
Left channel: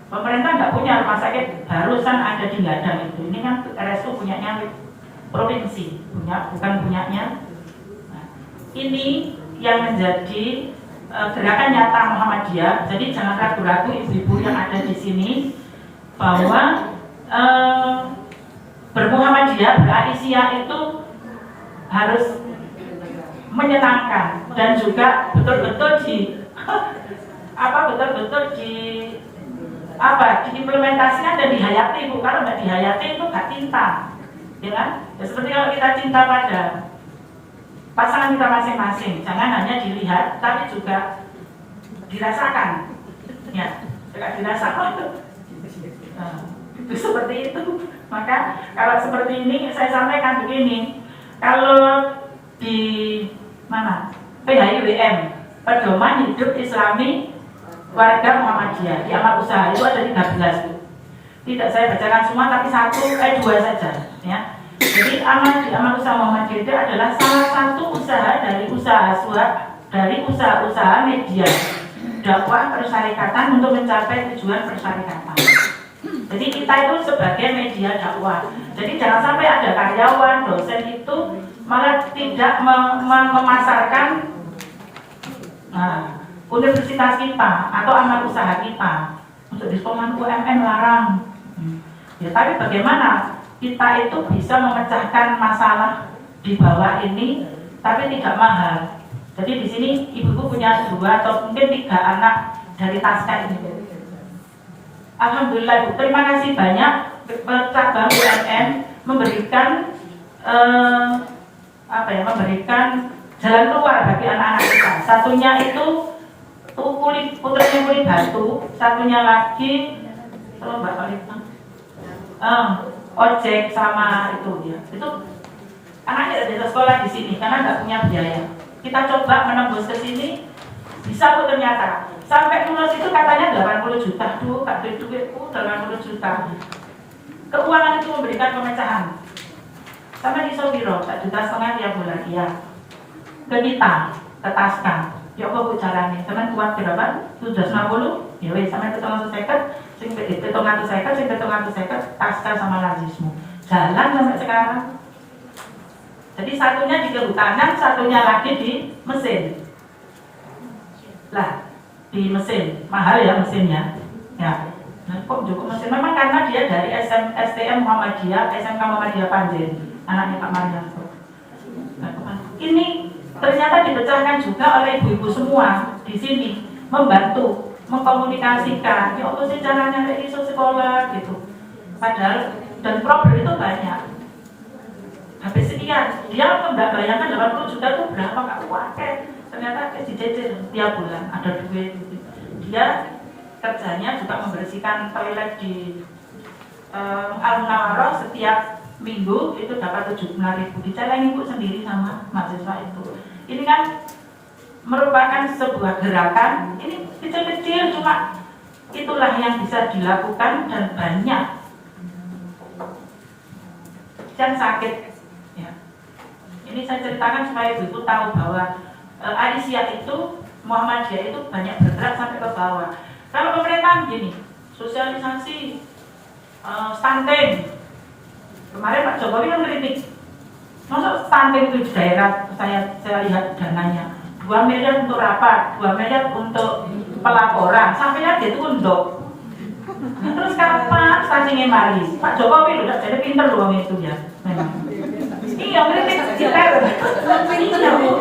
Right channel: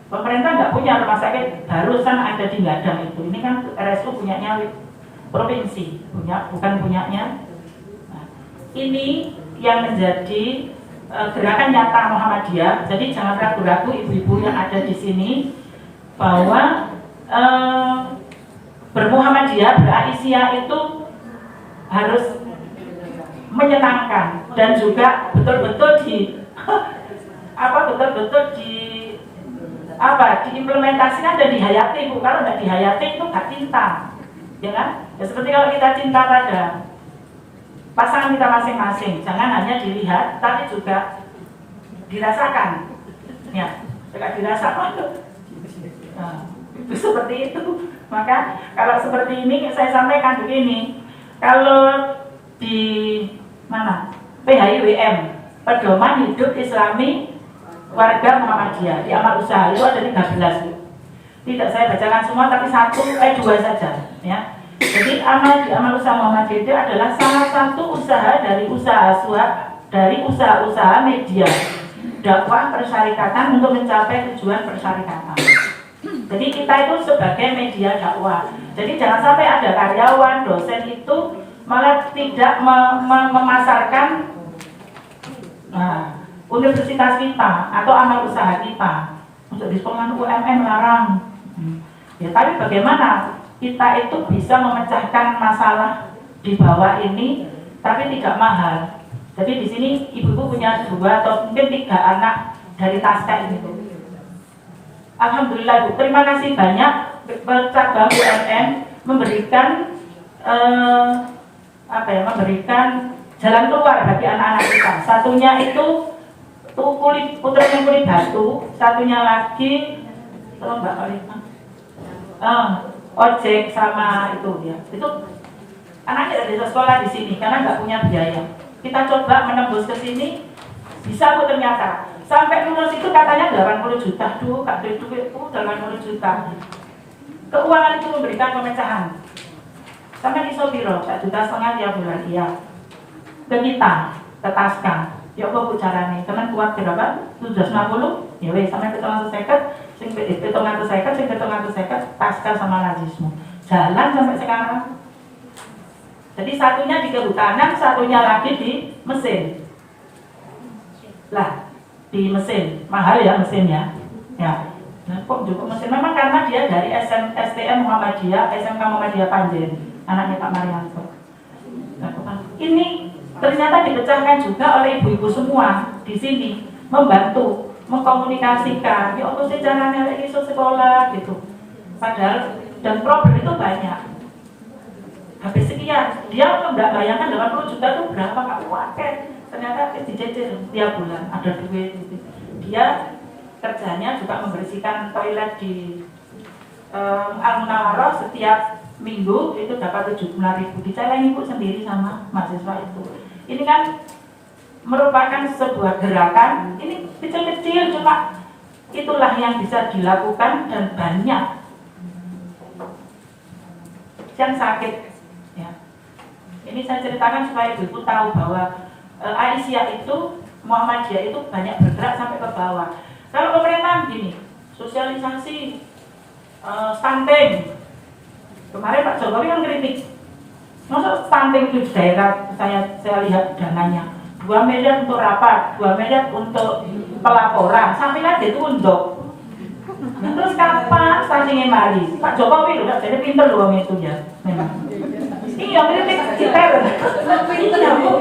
pemerintah nggak punya rumah sakit, barusan ada di Ladang itu. Ini kan RSU punyanya provinsi, bukan punyanya. Nah, ini yang menjadi gerakan nyata Muhammadiyah. Jadi jangan ragu-ragu ibu-ibu yang ada di sini bahwa bermuhammadiyah, beraisyah itu harus menyenangkan dan juga betul-betul diimplementasikan dan dihayati. Kalau nggak dihayati itu nggak cinta, ya kan? Ya, seperti kalau kita cinta pada pasangan kita masing-masing, jangan hanya dilihat, tapi juga dirasakan. Ya, juga dirasakan. Nah, itu seperti itu. Maka kalau seperti ini, saya sampaikan begini, kalau di mana PHIWM, Pedoman Hidup Islami Warga Muhammadiyah, di amal usaha itu ada 13. Tidak saya bacakan semua, tapi 2 saja. Ya. Jadi di amal usaha Muhammadiyah itu adalah salah satu usaha dari usaha-usaha media dakwah persyarikatan untuk mencapai tujuan persyarikatan. Jadi kita itu sebagai media dakwah. Jadi jangan sampai ada karyawan, dosen itu malah tidak memasarkan universitas kita atau amal usaha kita untuk diskonkan UMM larang. Ya, tapi bagaimana kita itu bisa memecahkan masalah di bawah ini, tapi tidak mahal. Jadi di sini ibu-ibu punya 2 atau mungkin 3 anak dari TASKA ini. Alhamdulillah, Bu. Terima kasih banyak cabang BUMN memberikan memberikan jalan keluar bagi anak-anak kita. Satunya itu kulit batu, satunya lagi ojek sama itu ya. Itu anaknya dari sekolah di sini karena nggak punya biaya. Kita coba menembus ke sini, bisa Bu ternyata. Sampai lulus itu katanya 80 juta dulu, Kak duitku 80 juta. Keuangan itu memberikan pemecahan. Sampai di Sobiro, 1,5 juta tiap bulan, iya. Ke kita, ke TASKA. Ya kok Bu caranya, karena kuat berapa? 750 Ya wes sampai 750, sing 750, pasca sama nazisme. Jalan sampai sekarang. Jadi satunya di kehutanan, satunya lagi di mesin. Lah, di mesin mahal ya mesinnya. Ya. Nah, kok cukup mesin? Memang karena dia dari STM Muhammadiyah, SMK Muhammadiyah Panjen, anaknya Pak Marianto. Nah, ini ternyata dipecahkan juga oleh ibu-ibu semua di sini, membantu, mengkomunikasikan. Ya apa sih caranya lagi sekolah gitu. Padahal dan problem itu banyak. Habis sekian, dia nggak bayangkan 80 juta itu berapa kak pakai. Ternyata dicicil tiap bulan ada duit gitu. Dia kerjanya juga membersihkan toilet di Al-Munawwarah setiap minggu itu dapat 75.000. Dicaleng ibu sendiri sama mahasiswa itu. Ini kan merupakan sebuah gerakan. Ini kecil-kecil cuma itulah yang bisa dilakukan dan banyak yang sakit. Ya. Ini saya ceritakan supaya ibu tahu bahwa Aisyah itu, Muhammadiyah itu banyak bergerak sampai ke bawah. Kalau pemerintah gini, sosialisasi, stunting. Kemarin Pak Jokowi yang kritik, masa stunting itu di daerah saya lihat dananya 2 miliar untuk rapat, 2 miliar untuk pelaporan, sampai lihat itu untuk. Nah, terus kapan stuntingnya mari? Pak Jokowi udah jadi pinter loh itu ya. Memang. Iya kritik kita. Iya bu.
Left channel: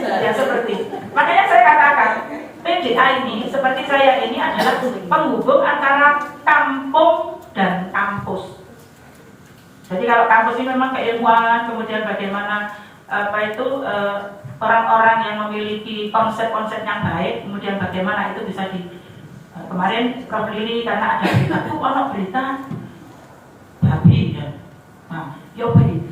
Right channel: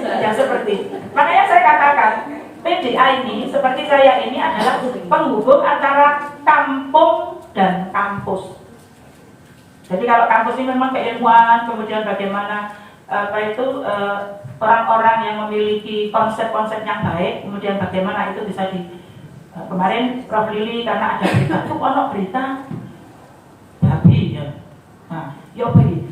Ya seperti. Makanya saya katakan PDA ini seperti saya ini adalah penghubung antara kampung dan kampus. Jadi kalau kampus ini memang keilmuan, kemudian bagaimana orang-orang yang memiliki konsep-konsep yang baik, kemudian bagaimana itu bisa kemarin Prof Lili karena ada berita tuh berita babi ya. Nah, yo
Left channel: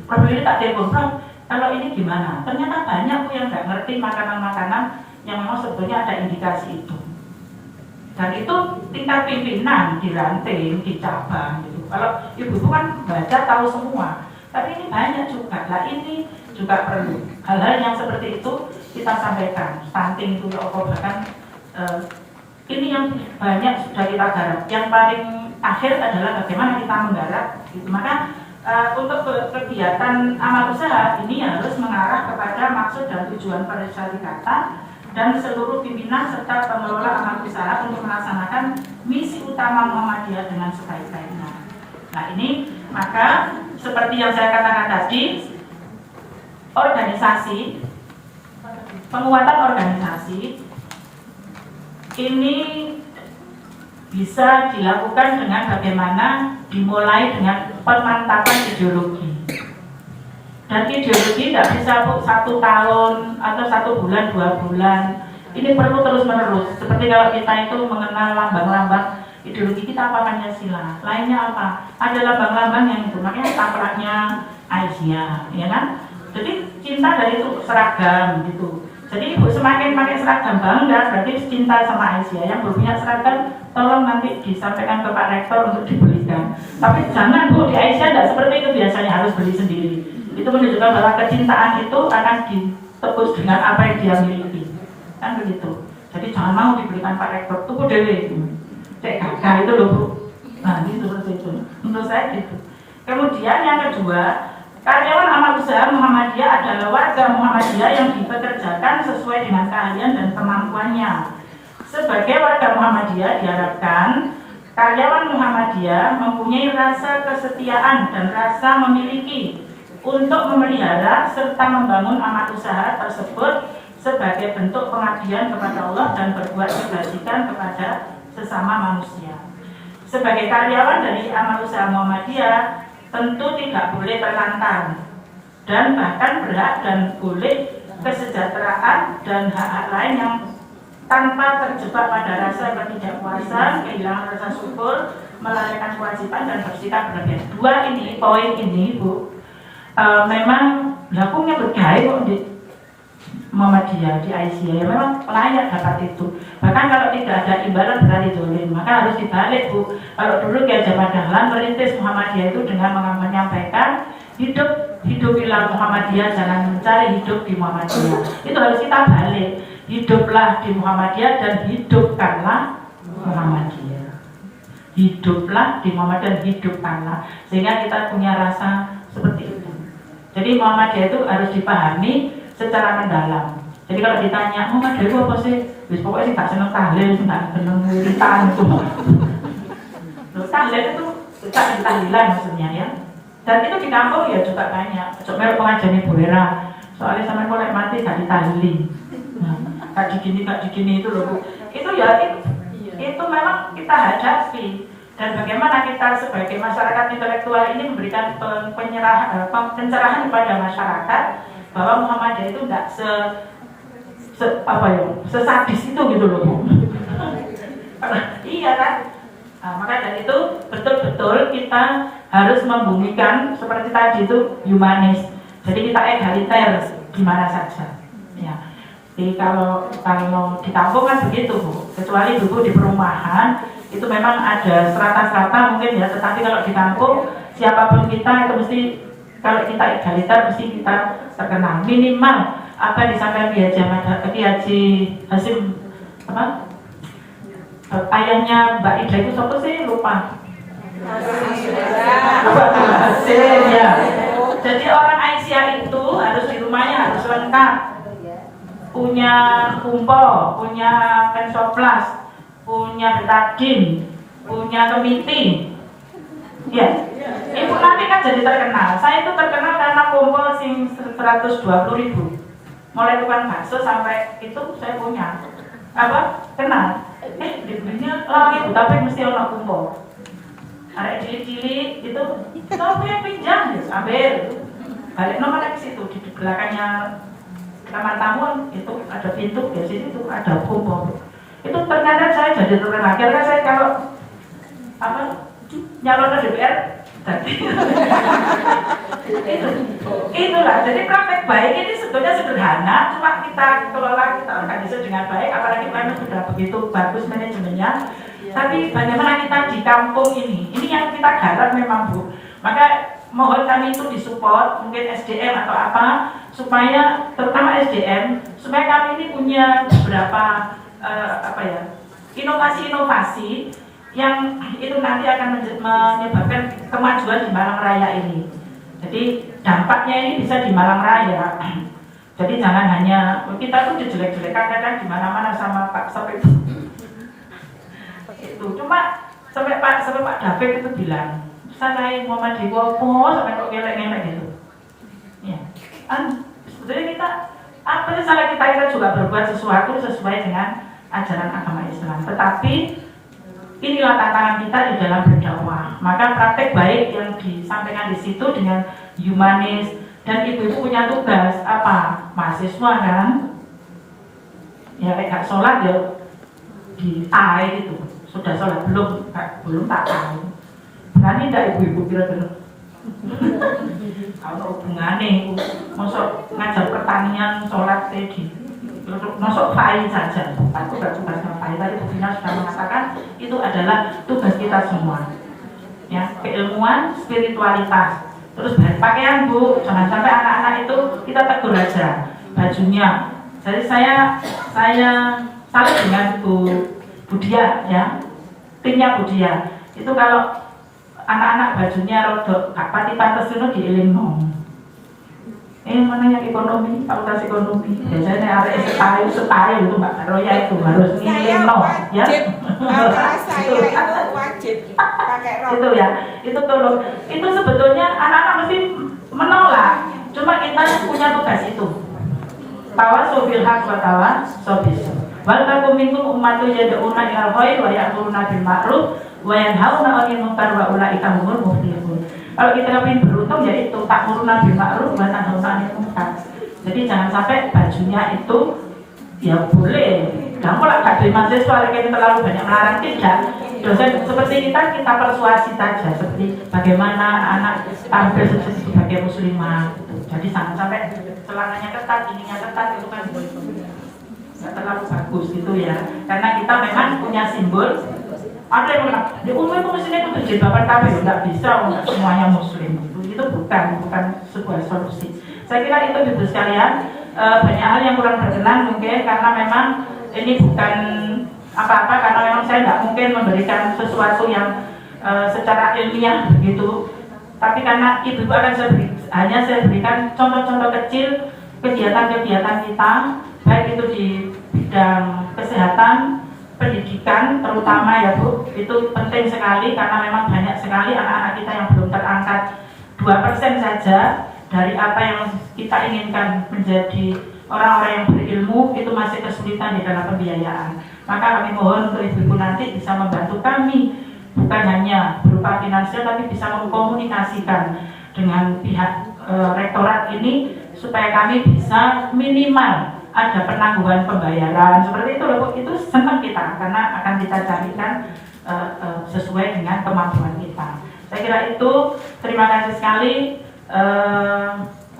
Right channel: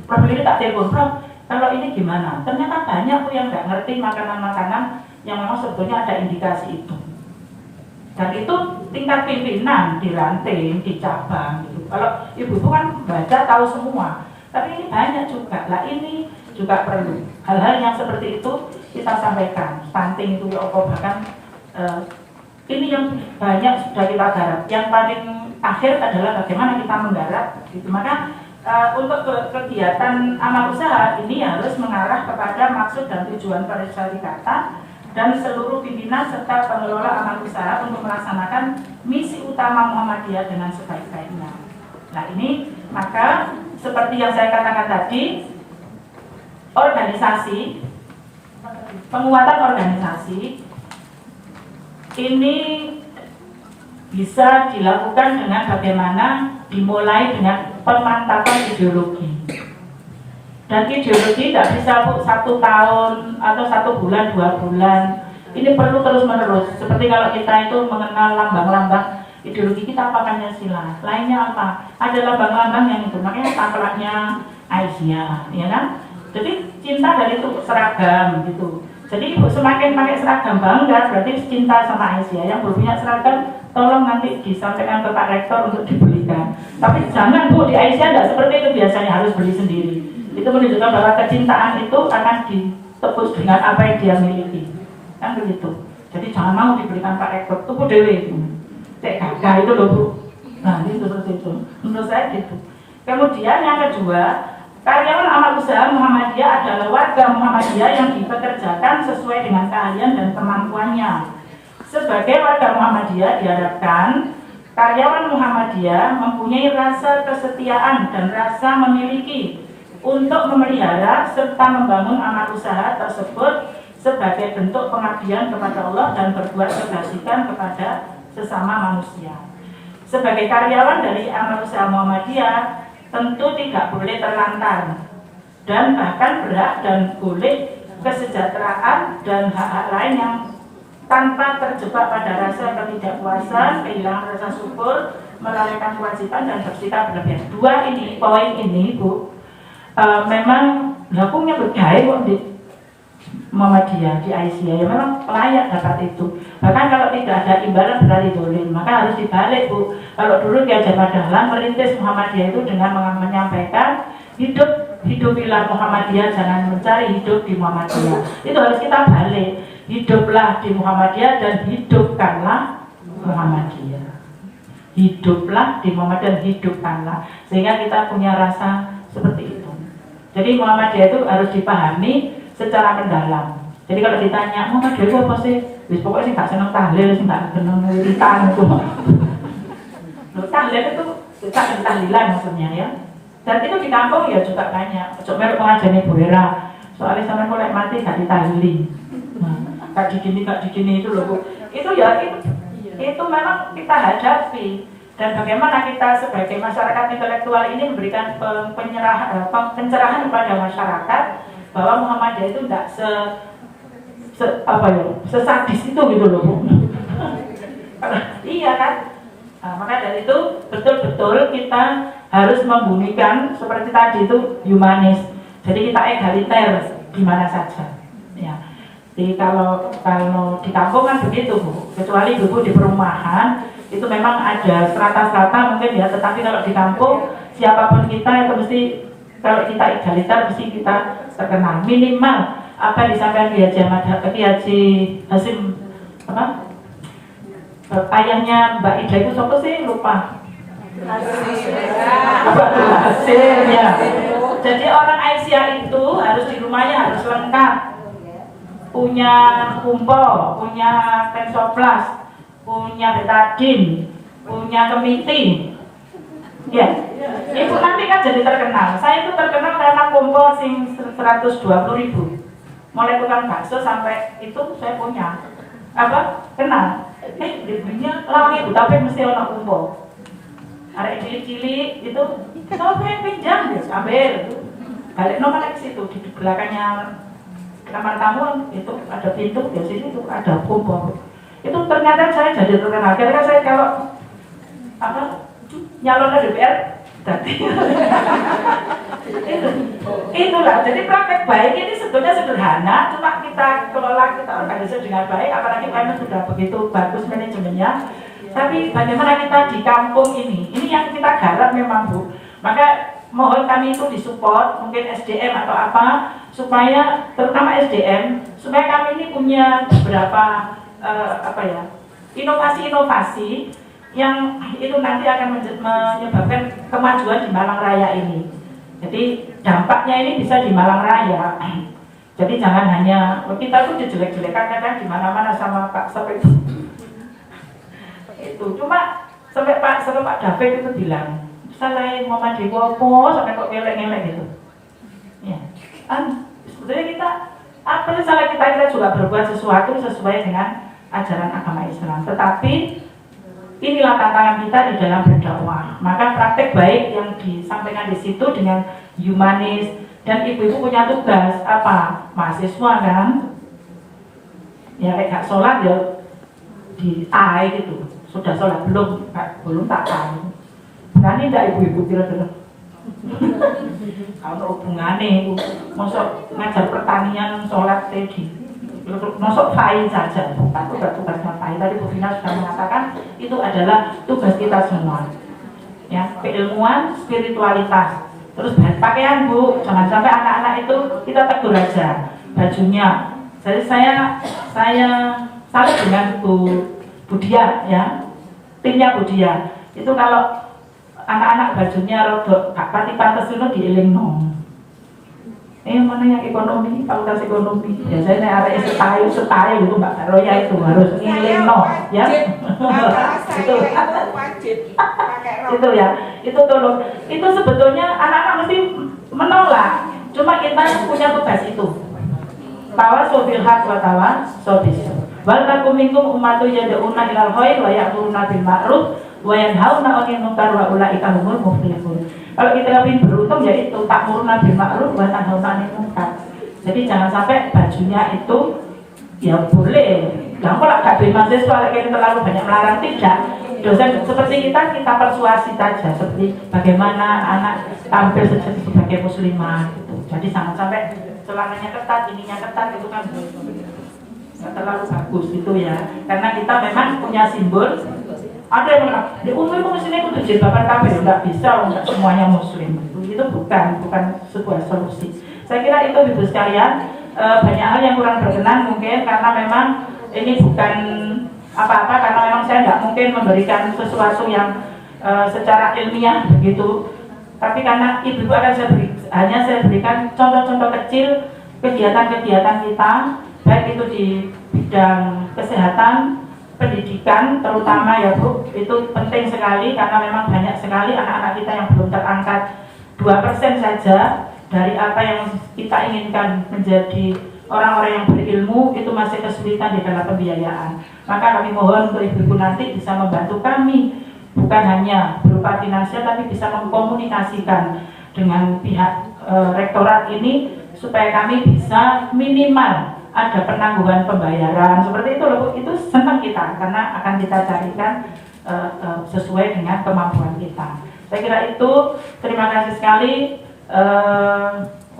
Prof Lili tak telepon Prof, kalau ini gimana? Ternyata banyak tuh yang nggak ngerti makanan-makanan yang memang sebetulnya ada indikasi itu. Dan itu tingkat pimpinan di ranting, di cabang gitu. Kalau ibu kan baca tahu semua, tapi ini banyak juga. Lah ini juga perlu hal-hal yang seperti itu kita sampaikan. Stunting itu ya bahkan ini yang banyak sudah kita garap. Yang paling akhir adalah bagaimana kita menggarap. Gitu. Maka untuk kegiatan amal usaha ini harus mengarah kepada maksud dan tujuan persyarikatan dan seluruh pimpinan serta pengelola amal usaha untuk melaksanakan misi utama Muhammadiyah dengan sebaik-baiknya. Nah ini maka seperti yang saya katakan tadi, organisasi, penguatan organisasi ini bisa dilakukan dengan bagaimana dimulai dengan pemantapan ideologi. Dan ideologi tidak bisa 1 tahun atau 1 bulan, 2 bulan. Ini perlu terus-menerus. Seperti kalau kita itu mengenal lambang-lambang ideologi kita apa Pancasila. Lainnya apa? Ada lambang-lambang yang itu. Makanya tampaknya Aisyah, ya kan? Jadi cinta dari itu seragam gitu. Jadi ibu semakin pakai seragam bangga, berarti cinta sama Aisyah. Yang belum punya seragam, tolong nanti disampaikan ke Pak Rektor untuk dibelikan. Tapi jangan bu, di Aisyah tidak seperti itu biasanya harus beli sendiri. Itu menunjukkan bahwa kecintaan itu akan ditebus dengan apa yang dia miliki. Kan begitu. Jadi jangan mau diberikan Pak Rektor, tunggu dewe itu. Cek gagah itu loh bu. Nah itu seperti itu. Menurut saya gitu. Kemudian yang kedua, karyawan amal usaha Muhammadiyah adalah warga Muhammadiyah yang dipekerjakan sesuai dengan keahlian dan kemampuannya. Sebagai warga Muhammadiyah diharapkan karyawan Muhammadiyah mempunyai rasa kesetiaan dan rasa memiliki untuk memelihara serta membangun amal usaha tersebut sebagai bentuk pengabdian kepada Allah dan berbuat kebajikan kepada sesama manusia. Sebagai karyawan dari amal usaha Muhammadiyah tentu tidak boleh terlantar dan bahkan berhak dan boleh kesejahteraan dan hak-hak lain yang tanpa terjebak pada rasa ketidakpuasan, kehilangan rasa syukur, melalaikan kewajiban dan bersikap berlebihan. Dua ini, poin ini Bu, memang lakunya bergaya di Muhammadiyah, di Aisyah, memang layak dapat itu. Bahkan kalau tidak ada imbalan berarti dolim, maka harus dibalik Bu. Kalau dulu Ki Hajar Dahlan merintis Muhammadiyah itu dengan menyampaikan hidupilah Muhammadiyah, jangan mencari hidup di Muhammadiyah. Itu harus kita balik. Hiduplah di Muhammadiyah dan hidupkanlah Muhammadiyah. Hiduplah di Muhammadiyah, hidupkanlah, sehingga kita punya rasa seperti itu. Jadi Muhammadiyah itu harus dipahami secara mendalam. Jadi kalau ditanya Muhammadiyah itu apa sih? Wis pokoknya sih gak seneng tahlil, sih gak seneng wiritan itu. Tahlil itu kita tahlilan maksudnya ya. Dan itu di kampung ya juga banyak. Coba merek pengajarnya Bu Wera. Soalnya sama kolek mati gak ditahlilin. Nah, gak digini itu loh Bu. Itu ya itu memang kita hadapi. Dan bagaimana kita sebagai masyarakat intelektual ini memberikan pencerahan kepada masyarakat bahwa Muhammadiyah itu tidak sesadis itu gitu loh Bu. Iya kan? Nah, maka dari itu betul-betul kita harus membumikan seperti tadi itu humanis. Jadi kita egaliter di mana saja. Ya. Jadi kalau di kampung kan begitu Bu. Kecuali dulu di perumahan itu memang ada strata-strata mungkin ya, tetapi kalau di kampung siapapun kita itu mesti, kalau kita egaliter mesti kita terkenal minimal apa disampaikan Kiai Haji Hasim apa ayahnya Mbak Ida itu siapa sih, lupa. Hasim ya. Jadi orang Aisyah itu harus di rumahnya harus lengkap, punya kumpul, punya tensoplas, punya betadin, punya kemiti. Ya, itu nanti kan jadi terkenal. Saya itu terkenal karena kumpul sing 120.000. Mulai tukang bakso sampai itu saya punya. Apa? Kenal. Dibelinya lama itu, tapi mesti orang kumpul. Ada cilik-cilik itu, tapi pinjam, ambil. Balik nomor ke situ di belakangnya kamar tamu itu ada pintu, di situ itu ada kumpul. Itu ternyata saya jadi terkenal. Kira-kira saya kalau nyalon ke DPR jadi itulah. Jadi praktek baik ini sebetulnya sederhana, cuma kita kelola, kita organisasi dengan baik, apalagi kami sudah begitu bagus manajemennya. Tapi bagaimana kita di kampung ini yang kita garap memang Bu. Maka mohon kami itu disupport, mungkin SDM atau apa, supaya terutama SDM, supaya kami ini punya beberapa inovasi-inovasi yang itu nanti akan menyebabkan kemajuan di Malang Raya ini. Jadi dampaknya ini bisa di Malang Raya. Jadi jangan hanya kita tuh dijelek-jelekan kadang di mana-mana sama Pak sampai itu. Cuma sampai Pak David itu bilang, salah Muhammadiyah apa sampai kok gelek-gelek gitu. Ya. Sebetulnya kita apa sih salah kita juga berbuat sesuatu sesuai dengan ajaran agama Islam. Tetapi inilah tantangan kita di dalam berdakwah. Maka praktek baik yang disampaikan di situ dengan humanis, dan ibu-ibu punya tugas apa? Mahasiswa kan? Ya nggak sholat ya di AI gitu. Sudah sholat belum? Belum, tak tahu. Berani tidak ibu-ibu kira-kira? Kalau hubungannya masuk ngajar pertanian sholat tadi, masuk fail saja, bukan tugasnya fail. Tadi Bu Vina sudah mengatakan itu adalah tugas kita semua. Ya, keilmuan, spiritualitas. Terus pakaian Bu, jangan sampai anak-anak itu kita tegur aja bajunya. Jadi saya salut dengan Bu Dia ya, timnya Bu Dia. Itu kalau anak-anak bajunya rodok gak pati pantes itu dielingno. Mana yang ekonomi, fakultas ekonomi. Biasanya area setahun itu Mbak Roya itu harus ngilingno ya. Itu wajib pakai rok. Itu ya, itu tolong. Itu sebetulnya anak-anak mesti menolak. Cuma kita punya tugas itu. Tawasul haq wa tawasul bis sabr. Wal takum minkum ummatun yad'una ilal khair wa ya'muruna bil ma'ruf wa yanhauna 'anil munkar wa ulaika humul muflihun. Kalau kita lebih beruntung ya itu ta'muruna bil ma'ruf wa tanhauna 'anil munkar. Jadi jangan sampai bajunya itu ya boleh. Jangan kalau gak dari mahasiswa kayak terlalu banyak melarang, tidak. Dosen seperti kita persuasi saja, seperti bagaimana anak tampil sebagai muslimah gitu. Jadi jangan sampai celananya ketat, ininya ketat, itu kan nggak terlalu bagus gitu ya. Karena kita memang punya simbol. Ada yang bilang, di umum muslimnya itu berjilbaban kabeh, nggak bisa, nggak semuanya muslim gitu. Itu bukan sebuah solusi. Saya kira itu Ibu sekalian, banyak hal yang kurang berkenan mungkin karena memang ini bukan apa-apa karena memang saya nggak mungkin memberikan sesuatu yang secara ilmiah begitu. Tapi karena itu akan hanya saya berikan contoh-contoh kecil kegiatan-kegiatan kita, baik itu di bidang kesehatan, pendidikan terutama ya Bu, itu penting sekali karena memang banyak sekali anak-anak kita yang belum terangkat 2% saja dari apa yang kita inginkan menjadi orang-orang yang berilmu, itu masih kesulitan di dalam pembiayaan. Maka kami mohon untuk Ibu nanti bisa membantu kami, bukan hanya berupa finansial tapi bisa mengkomunikasikan dengan pihak rektorat ini supaya kami bisa minimal ada penangguhan pembayaran seperti itu loh. Itu senang kita karena akan kita carikan sesuai dengan kemampuan kita. Saya kira itu. Terima kasih sekali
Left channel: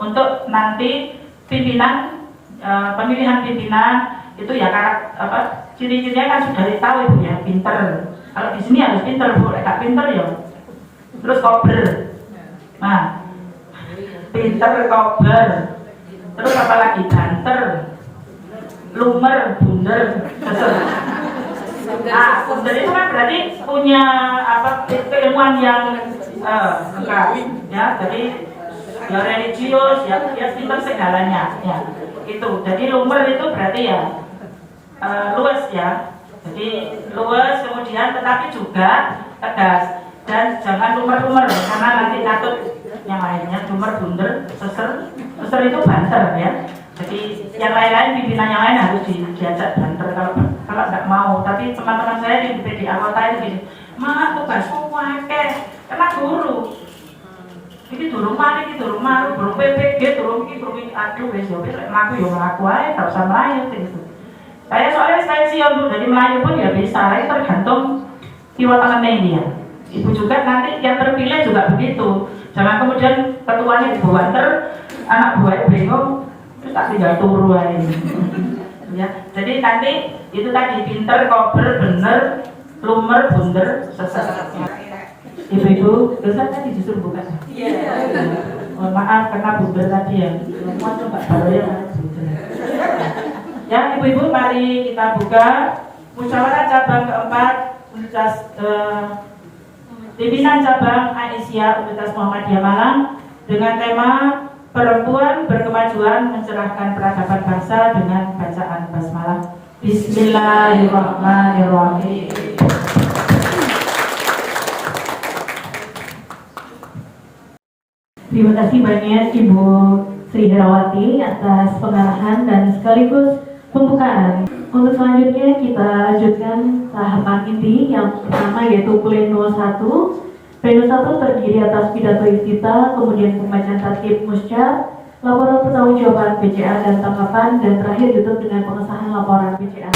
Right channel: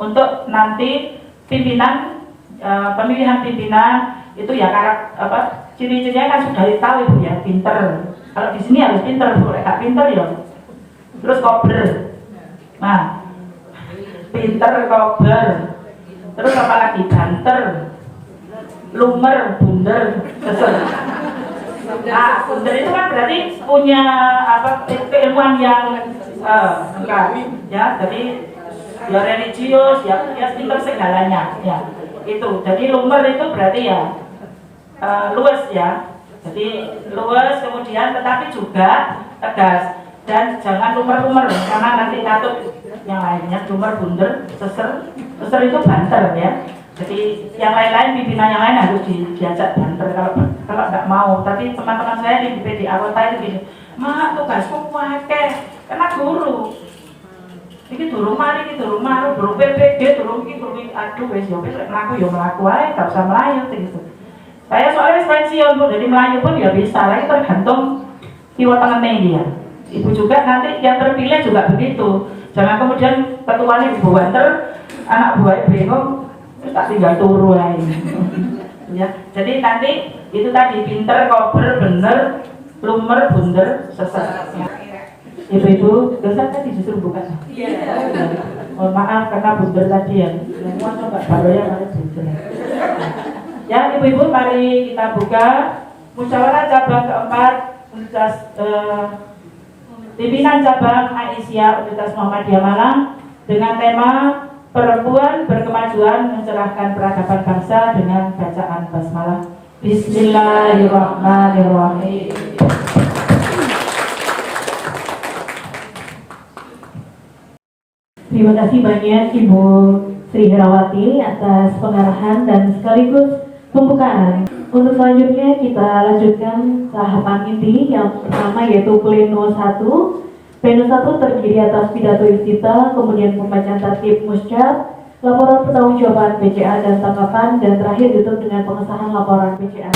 untuk nanti pimpinan, pemilihan pimpinan itu ya ciri-cirinya kan sudah tahu Ibu ya, pinter. Kalau di sini harus pinter Bu, gak pinter ya terus kober. Nah, pinter, kober, terus apa lagi, banter, lumer, bunder, seser. Nah, bunder itu kan berarti punya keilmuan yang enggak ya, jadi ya religius, ya pinter segalanya ya. Itu. Jadi lumer itu berarti ya luas ya. Jadi luas, kemudian tetapi juga tegas dan jangan lumer-lumer karena nanti katut yang lainnya. Lumer, bunder, seser itu banter ya. Jadi yang lain-lain, pimpinan yang lain harus diajak banter kalau tidak mau. Tapi teman-teman saya di PDA Kota itu gini, mak tugasmu wakeh, karena guru. Ini durung mari, ini durung maru, durung PPG, durung ini, aduh wes ya, melaku aja, gak usah melayu gitu. Saya soalnya pensiun Bu, jadi melayu pun ya bisa, itu tergantung kiwa tangannya dia. Ibu juga nanti yang terpilih juga begitu. Jangan kemudian ketuanya Ibu banter, anak buahnya bingung, tak tinggal turu aja. Ya, jadi nanti itu tadi pinter, kober, bener, lumer, bunder, seser. Ibu-ibu, biasa tadi justru bukan. Mohon maaf karena bunder tadi ya. Semua coba baru ya harus bunder. Ya, ibu-ibu, mari kita buka musyawarah cabang keempat pimpinan cabang Aisyah Universitas Muhammadiyah Malang dengan tema Perempuan Berkemajuan Mencerahkan Peradaban Bangsa dengan bacaan basmalah. Bismillahirrahmanirrahim. Terima kasih banyak Ibu Sri Herawati atas pengarahan dan sekaligus pembukaan. Untuk selanjutnya kita lanjutkan tahapan inti yang pertama yaitu pleno 1. Pleno 1 terdiri atas pidato iftitah, kemudian pembacaan tertib musyar, laporan pertanggungjawaban PCA dan tanggapan, dan terakhir ditutup dengan pengesahan laporan PCA.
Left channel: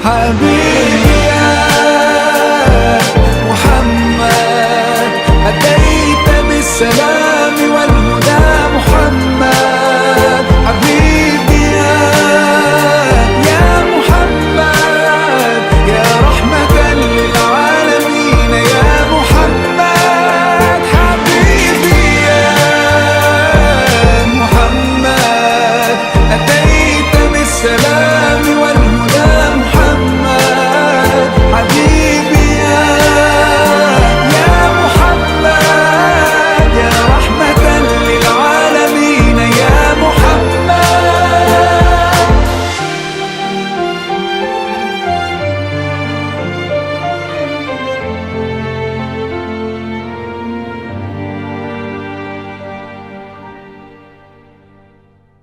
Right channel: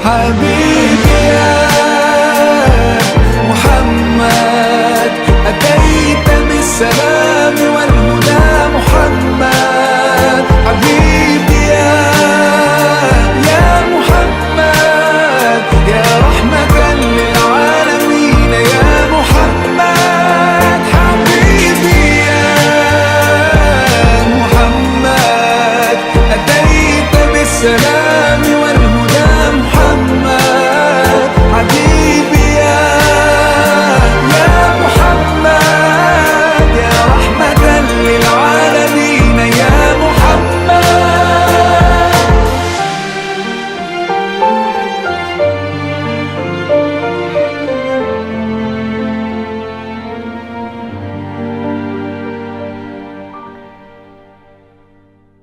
حبيبي يا محمد أتيت بالسلام